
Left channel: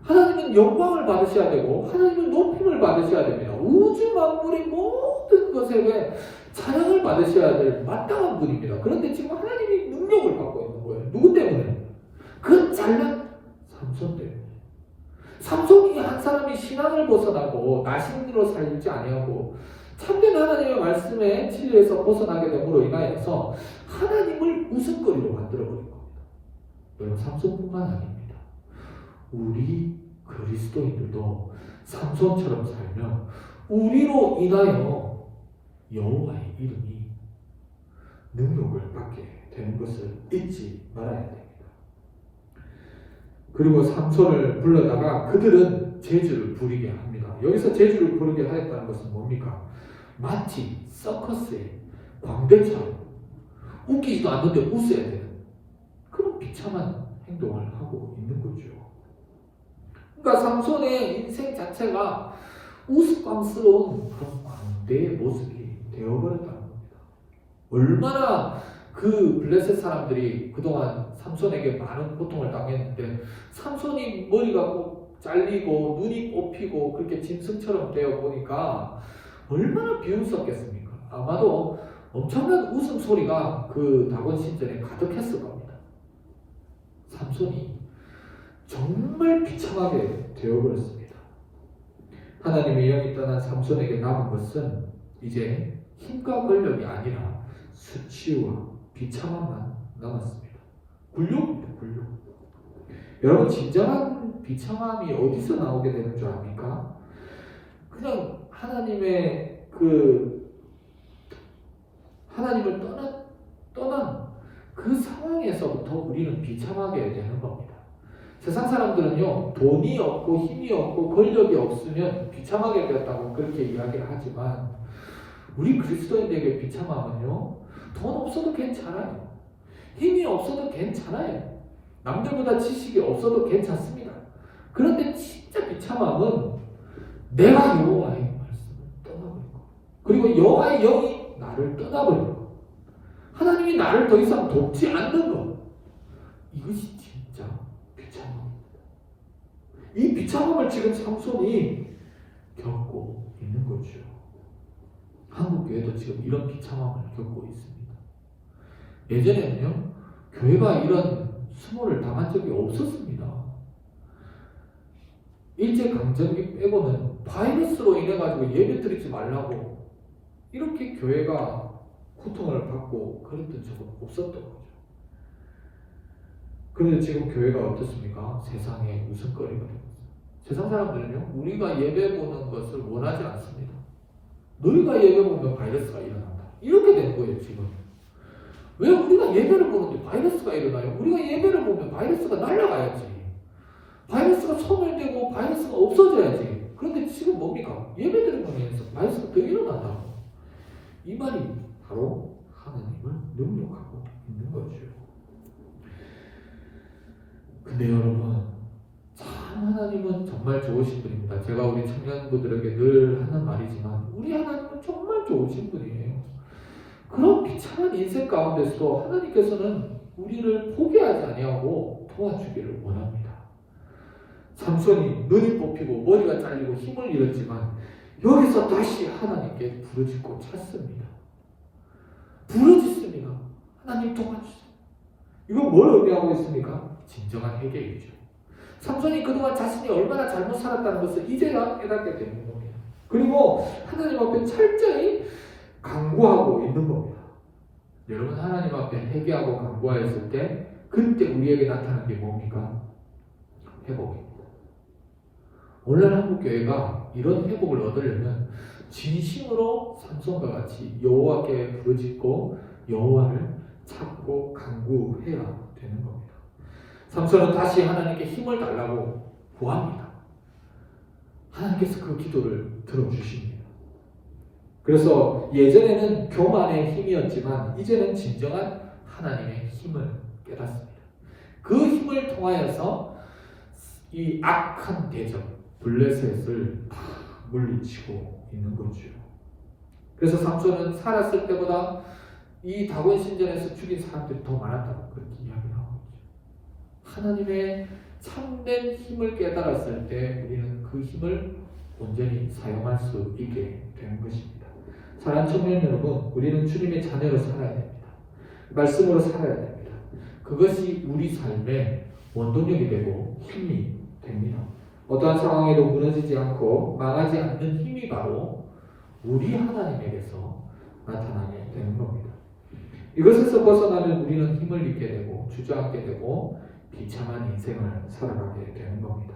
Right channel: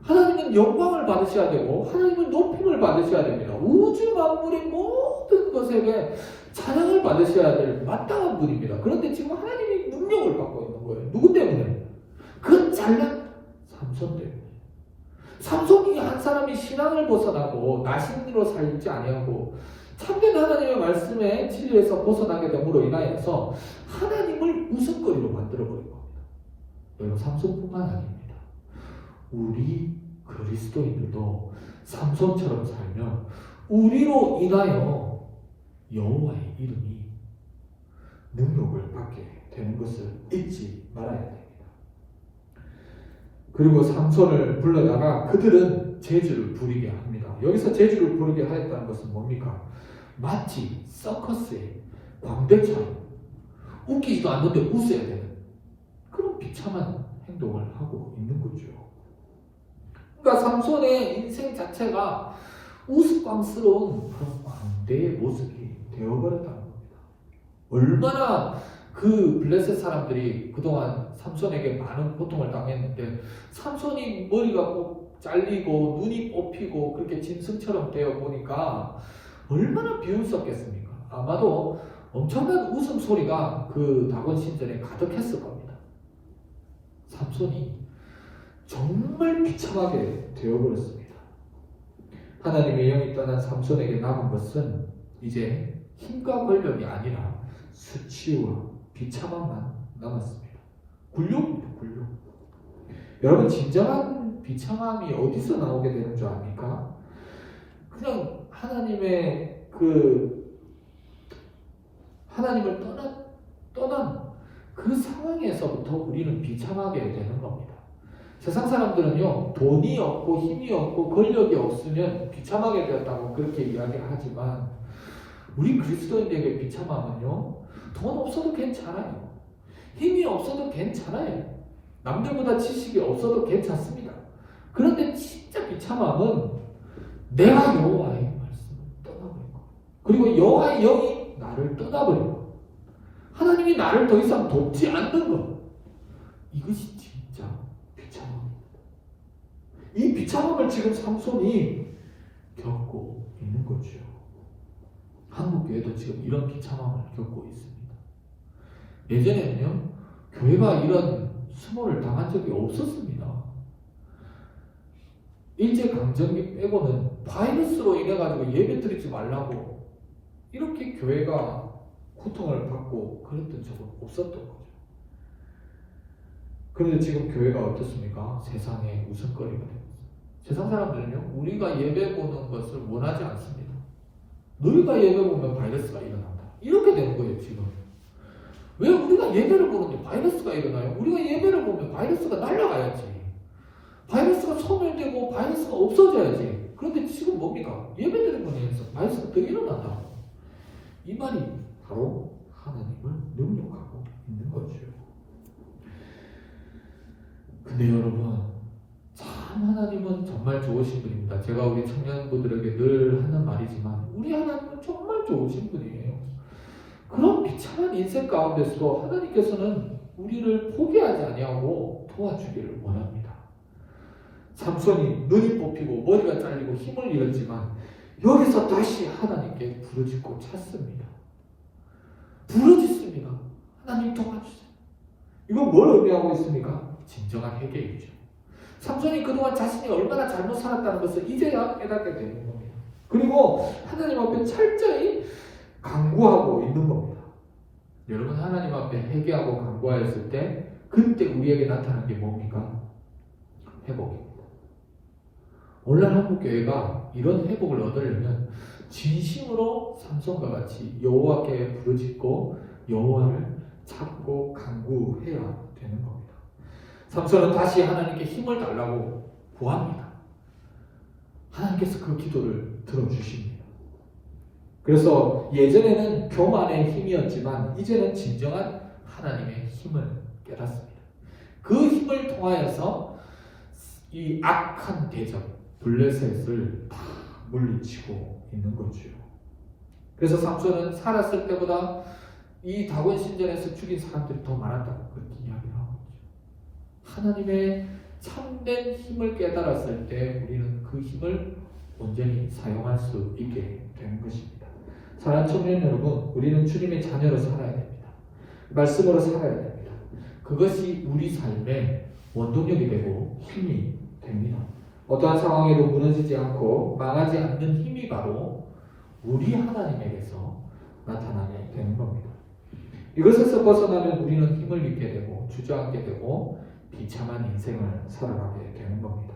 하나님은 영광을 받으셔야 되고 하나님은 높임을 받으셔야 됩니다. 우주 만물의 모든 것에게 찬양을 받으셔야 될 마땅한 분입니다. 그런데 지금 하나님이 능력을 받고 있는 거예요. 누구 때문에? 그 잘난 삼손 때문에. 삼손이 한 사람이 신앙을 벗어나고 나신으로 살지 아니하고 참된 하나님의 말씀에 진리에서 벗어나게 됨으로 인하여서 하나님을 웃음거리로 만들어버린 겁니다. 여러분 삼손뿐만 아닙니다. 우리 그리스도인들도 삼손처럼 살면 우리로 인하여 여호와의 이름이 능력을 받게 되는 것을 잊지 말아야 됩니다. 그리고 삼손을 불러다가 그들은 재주를 부리게 합니다. 여기서 재주를 부리게 하였다는 것은 뭡니까? 마치 서커스의 광대처럼 웃기지도 않는데 웃어야 되는 그런 비참한 행동을 하고 있는 거죠. 그러니까 삼손의 인생 자체가 우스꽝스러운 그런 광대의 모습이 되어버렸다는 겁니다. 얼마나 그 블레셋 사람들이 그동안 삼손에게 많은 고통을 당했는데 삼손이 머리가 꼭 잘리고 눈이 뽑히고 그렇게 짐승처럼 되어 보니까 얼마나 비웃었겠습니까? 아마도 엄청난 웃음소리가 그 다곤 신전에 가득했을 겁니다. 삼손이 정말 비참하게 되어버렸습니다. 하나님의 영이 떠난 삼손에게 남은 것은 이제 힘과 권력이 아니라 수치와 비참함만 남았습니다. 굴욕입니다. 굴욕. 여러분, 진정한 비참함이 어디서 나오게 되는 줄 압니까? 그냥 하나님을 떠난 그 상황에서부터 우리는 비참하게 되는 겁니다. 세상 사람들은요, 돈이 없고 힘이 없고 권력이 없으면 비참하게 되었다고 그렇게 이야기를 하지만, 우리 그리스도인들에게 비참함은요, 돈 없어도 괜찮아요. 힘이 없어도 괜찮아요. 남들보다 지식이 없어도 괜찮습니다. 그런데 진짜 비참함은 내가 여호와의 말씀을 떠나버린 거, 그리고 여호와의 영이 나를 떠나버린 거, 하나님이 나를 더 이상 돕지 않는 것, 이것이 진짜 비참함입니다. 이 비참함을 지금 삼손이 겪고 있는 거죠. 한국교회도 지금 이런 비참함을 겪고 있습니다. 예전에는요, 교회가 이런 수모를 당한 적이 없었습니다. 일제강점기 빼고는 바이러스로 인해가지고 예배 드리지 말라고 이렇게 교회가 고통을 받고 그랬던 적은 없었던 거죠. 그런데 지금 교회가 어떻습니까? 세상의 웃음거리가 되고 있습니다. 세상 사람들은요, 우리가 예배 보는 것을 원하지 않습니다. 너희가 예배 보면 바이러스가 일어난다, 이렇게 되는 거예요. 지금 왜 우리가 예배를 보는데 바이러스가 일어나요? 우리가 예배를 보면 바이러스가 날아가야지, 바이러스가 소멸되고 바이러스가 없어져야지. 그런데 지금 뭡니까? 예배드리는 거에서 바이러스가 더 일어난다. 이 말이 바로 하나님을 능욕하고 있는 거죠. 근데 여러분, 참 하나님은 정말 좋으신 분입니다. 제가 우리 청년부들에게 늘 하는 말이지만, 우리 하나님은 정말 좋으신 분이에요. 그런 비참한 인생 가운데서도 하나님께서는 우리를 포기하지 아니하고 도와주기를 원합니다. 삼손이 눈이 뽑히고 머리가 잘리고 힘을 잃었지만 여기서 다시 하나님께 부르짖고 찾습니다. 부르짖습니다. 하나님 도와주세요. 이건 뭘 의미하고 있습니까? 진정한 회개이죠. 삼손이 그동안 자신이 얼마나 잘못 살았다는 것을 이제야 깨닫게 되는 겁니다. 그리고 하나님 앞에 철저히 간구하고 있는 겁니다. 여러분, 하나님 앞에 회개하고 간구하였을 때 그때 우리에게 나타난 게 뭡니까? 회복입니다. 오늘 한국교회가 이런 회복을 얻으려면 진심으로 삼손과 같이 여호와께 부르짖고 여호와를 찾고 간구해야 되는 겁니다. 삼손은 다시 하나님께 힘을 달라고 구합니다. 하나님께서 그 기도를 들어주십니다. 그래서 예전에는 교만의 힘이었지만 이제는 진정한 하나님의 힘을 깨닫습니다. 그 힘을 통하여서 이 악한 대적 블레셋을 다 물리치고 있는 거죠. 그래서 삼손은 살았을 때보다 이 다곤 신전에서 죽인 사람들이 더 많았다고 그렇게 이야기를 하고 있죠. 하나님의 참된 힘을 깨달았을 때 우리는 그 힘을 온전히 사용할 수 있게 되는 것입니다. 사랑하는 청년 여러분, 우리는 주님의 자녀로 살아야 됩니다. 말씀으로 살아야 됩니다. 그것이 우리 삶의 원동력이 되고 힘이 됩니다. 어떠한 상황에도 무너지지 않고 망하지 않는 힘이 바로 우리 하나님에게서 나타나게 되는 겁니다. 이것에서 벗어나면 우리는 힘을 잃게 되고 주저앉게 되고 비참한 인생을 살아가게 되는 겁니다.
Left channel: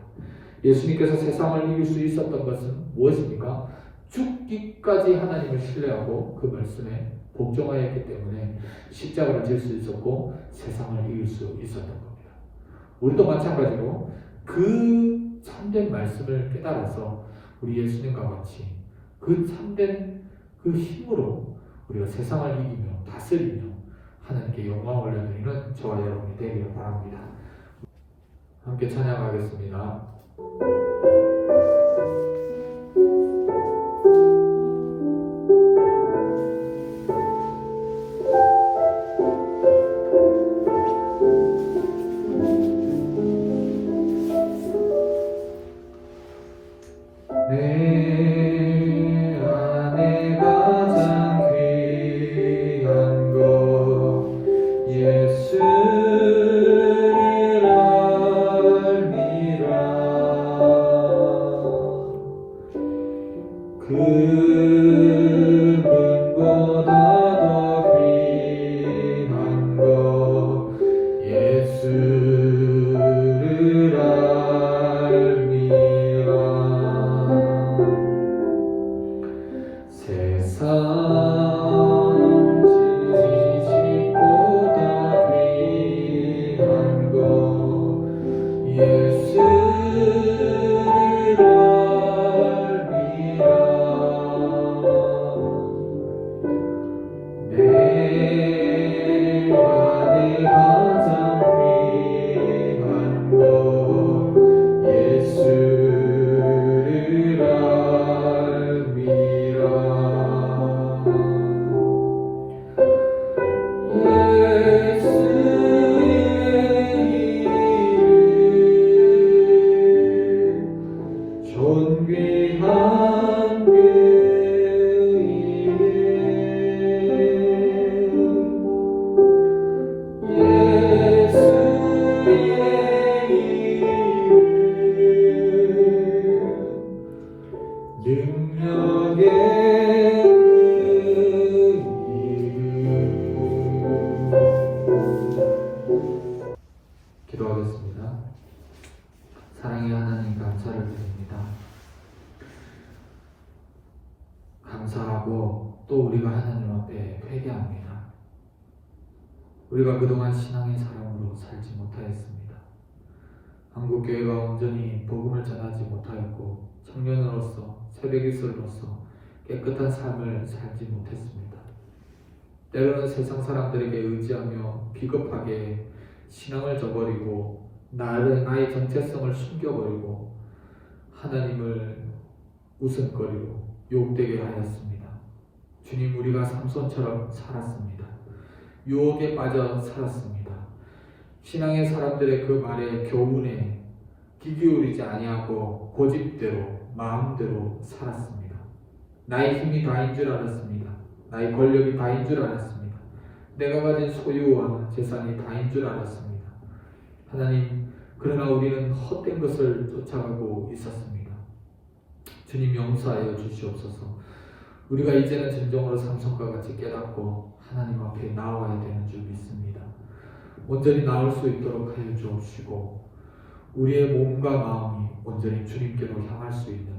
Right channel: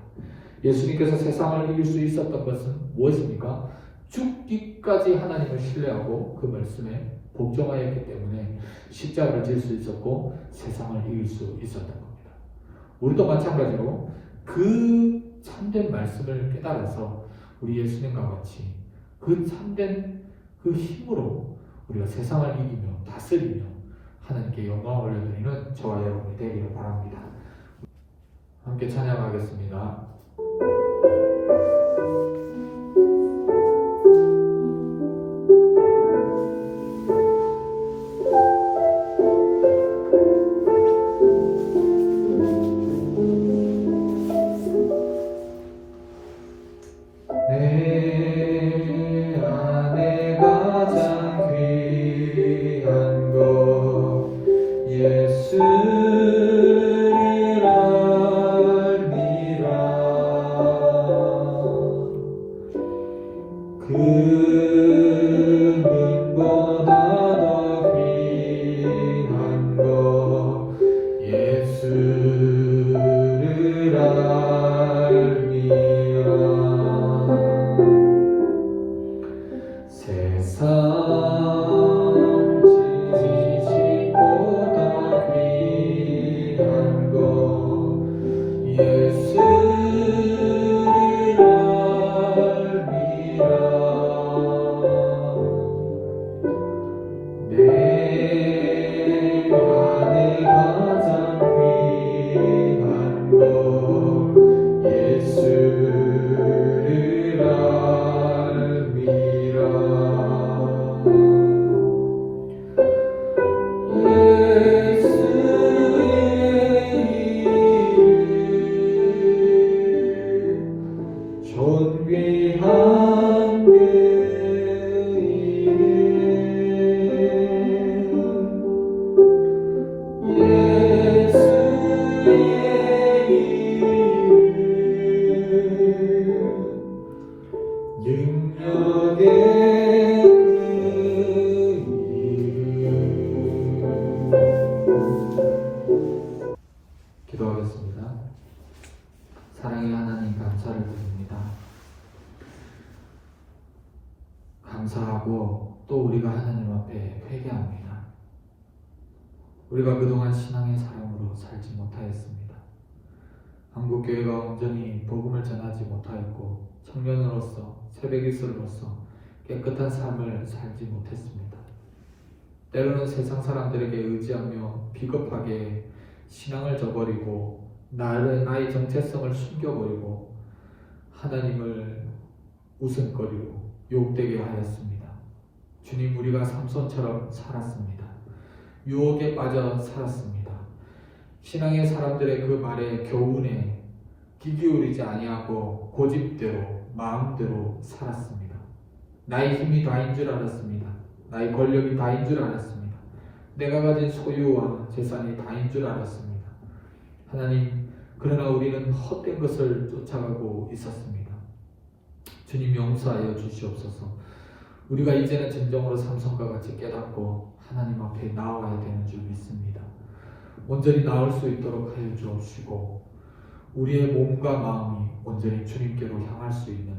예수님께서 세상을 이길 수 있었던 것은 무엇입니까? 죽기까지 하나님을 신뢰하고 그 말씀에 복종하였기 때문에 십자가를 질 수 있었고 세상을 이길 수 있었던 겁니다. 우리도 마찬가지로 그 참된 말씀을 깨달아서 우리 예수님과 같이 그 참된 그 힘으로 우리가 세상을 이기며 다스리며 하나님께 영광을 올려드리는 저와 여러분이 되기를 바랍니다. 함께 찬양하겠습니다. 내 안에 가장 귀한 알미라 세상 지식보다 귀한 것 예수를 알미라 내 가장 귀한 것 예수를 알미라 예수의 이름 존귀한 능력의 그 이름 기도하겠습니다. 사랑의 하나님 감사를 드립니다. 감사하고 또 우리가 하나님 앞에 회개합니다. 우리가 그동안 신앙의 사람으로 살지 못하였습니다. 한국교회가 온전히 복음을 전하지 못하였고 청년으로서 새벽이슬로서 깨끗한 삶을 살지 못했습니다. 때로는 세상 사람들에게 의지하며 비겁하게 신앙을 저버리고 나의 정체성을 숨겨버리고 하나님을 웃음거리고 욕되게 하였습니다. 주님, 우리가 삼손처럼 살았습니다. 유혹에 빠져 살았습니다. 신앙의 사람들의 그 말에 교훈에 귀 기울이지 아니하고 고집대로 마음대로 살았습니다. 나의 힘이 다인 줄 알았습니다. 나의 권력이 다인 줄 알았습니다. 내가 가진 소유와 재산이 다인 줄 알았습니다. 하나님, 그러나 우리는 헛된 것을 쫓아가고 있었습니다. 주님, 용서하여 주시옵소서. 우리가 이제는 진정으로 삼손과 같이 깨닫고 하나님 앞에 나와야 되는 줄 믿습니다. 온전히 나올 수 있도록 하여 주옵시고 우리의 몸과 마음이 온전히 주님께로 향할 수 있는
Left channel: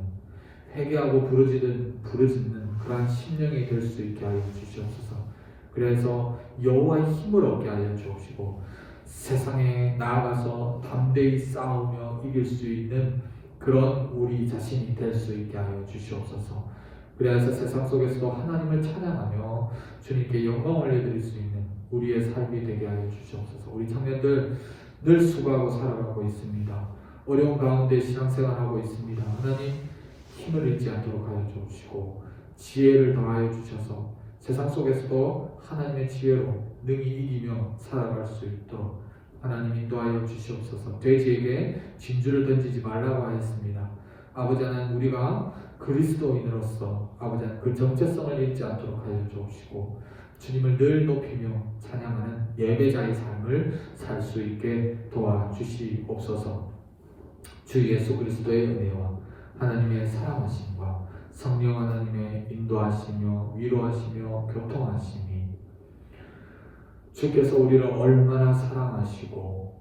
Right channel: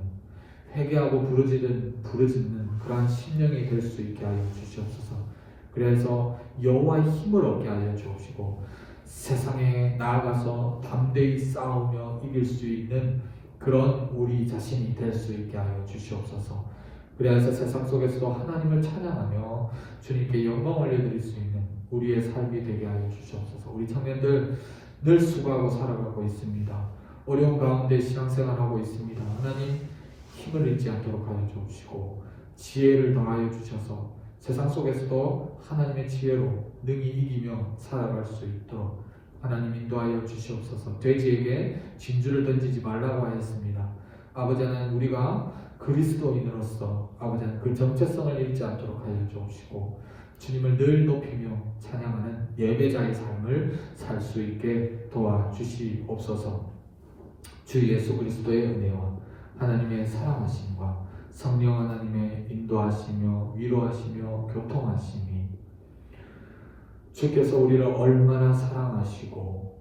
회개하고 부르짖는 그러한 심령이 될 수 있게 하여 주시옵소서. 그래서 여호와의 힘을 얻게 하여 주옵시고 세상에 나아가서 담대히 싸우며 이길 수 있는 그런 우리 자신이 될 수 있게 하여 주시옵소서. 그래서 세상 속에서도 하나님을 찬양하며 주님께 영광 올려드릴 수 있는 우리의 삶이 되게 하여 주시옵소서. 우리 청년들 늘 수고하고 살아가고 있습니다. 어려운 가운데 신앙생활하고 있습니다. 하나님, 힘을 잃지 않도록 하여 주옵시고 지혜를 더하여 주셔서 세상 속에서도 하나님의 지혜로 능히 이기며 살아갈 수 있도록 하나님 인도하여 주시옵소서. 돼지에게 진주를 던지지 말라고 하였습니다. 아버지 하나님, 우리가 그리스도인으로서 아버지 하나님 그 정체성을 잃지 않도록 하여 주옵시고 주님을 늘 높이며 찬양하는 예배자의 삶을 살 수 있게 도와주시옵소서. 주 예수 그리스도의 은혜와 하나님의 사랑하심과 성령 하나님의 인도하시며 위로하시며 교통하심이 주께서 우리를 얼마나 사랑하시고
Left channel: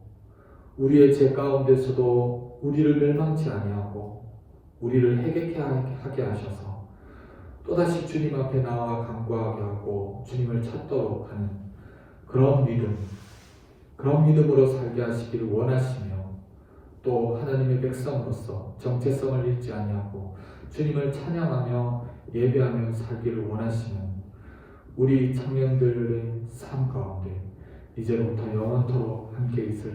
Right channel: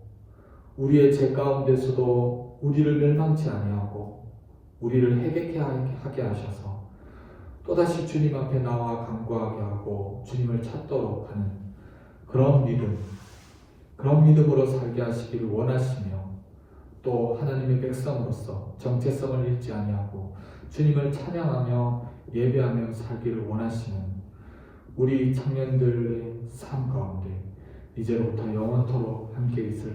우리의 죄 가운데서도 우리를 멸망치 아니하고 우리를 회개케 하게 하셔서 또다시 주님 앞에 나와 간구하게 하고 주님을 찾도록 하는 그런 믿음으로 살게 하시기를 원하시며 또 하나님의 백성으로서 정체성을 잃지 아니하고 주님을 찬양하며 예배하며 살기를 원하시는 우리 청년들의 삶 가운데 이제부터 영원토록 함께 있을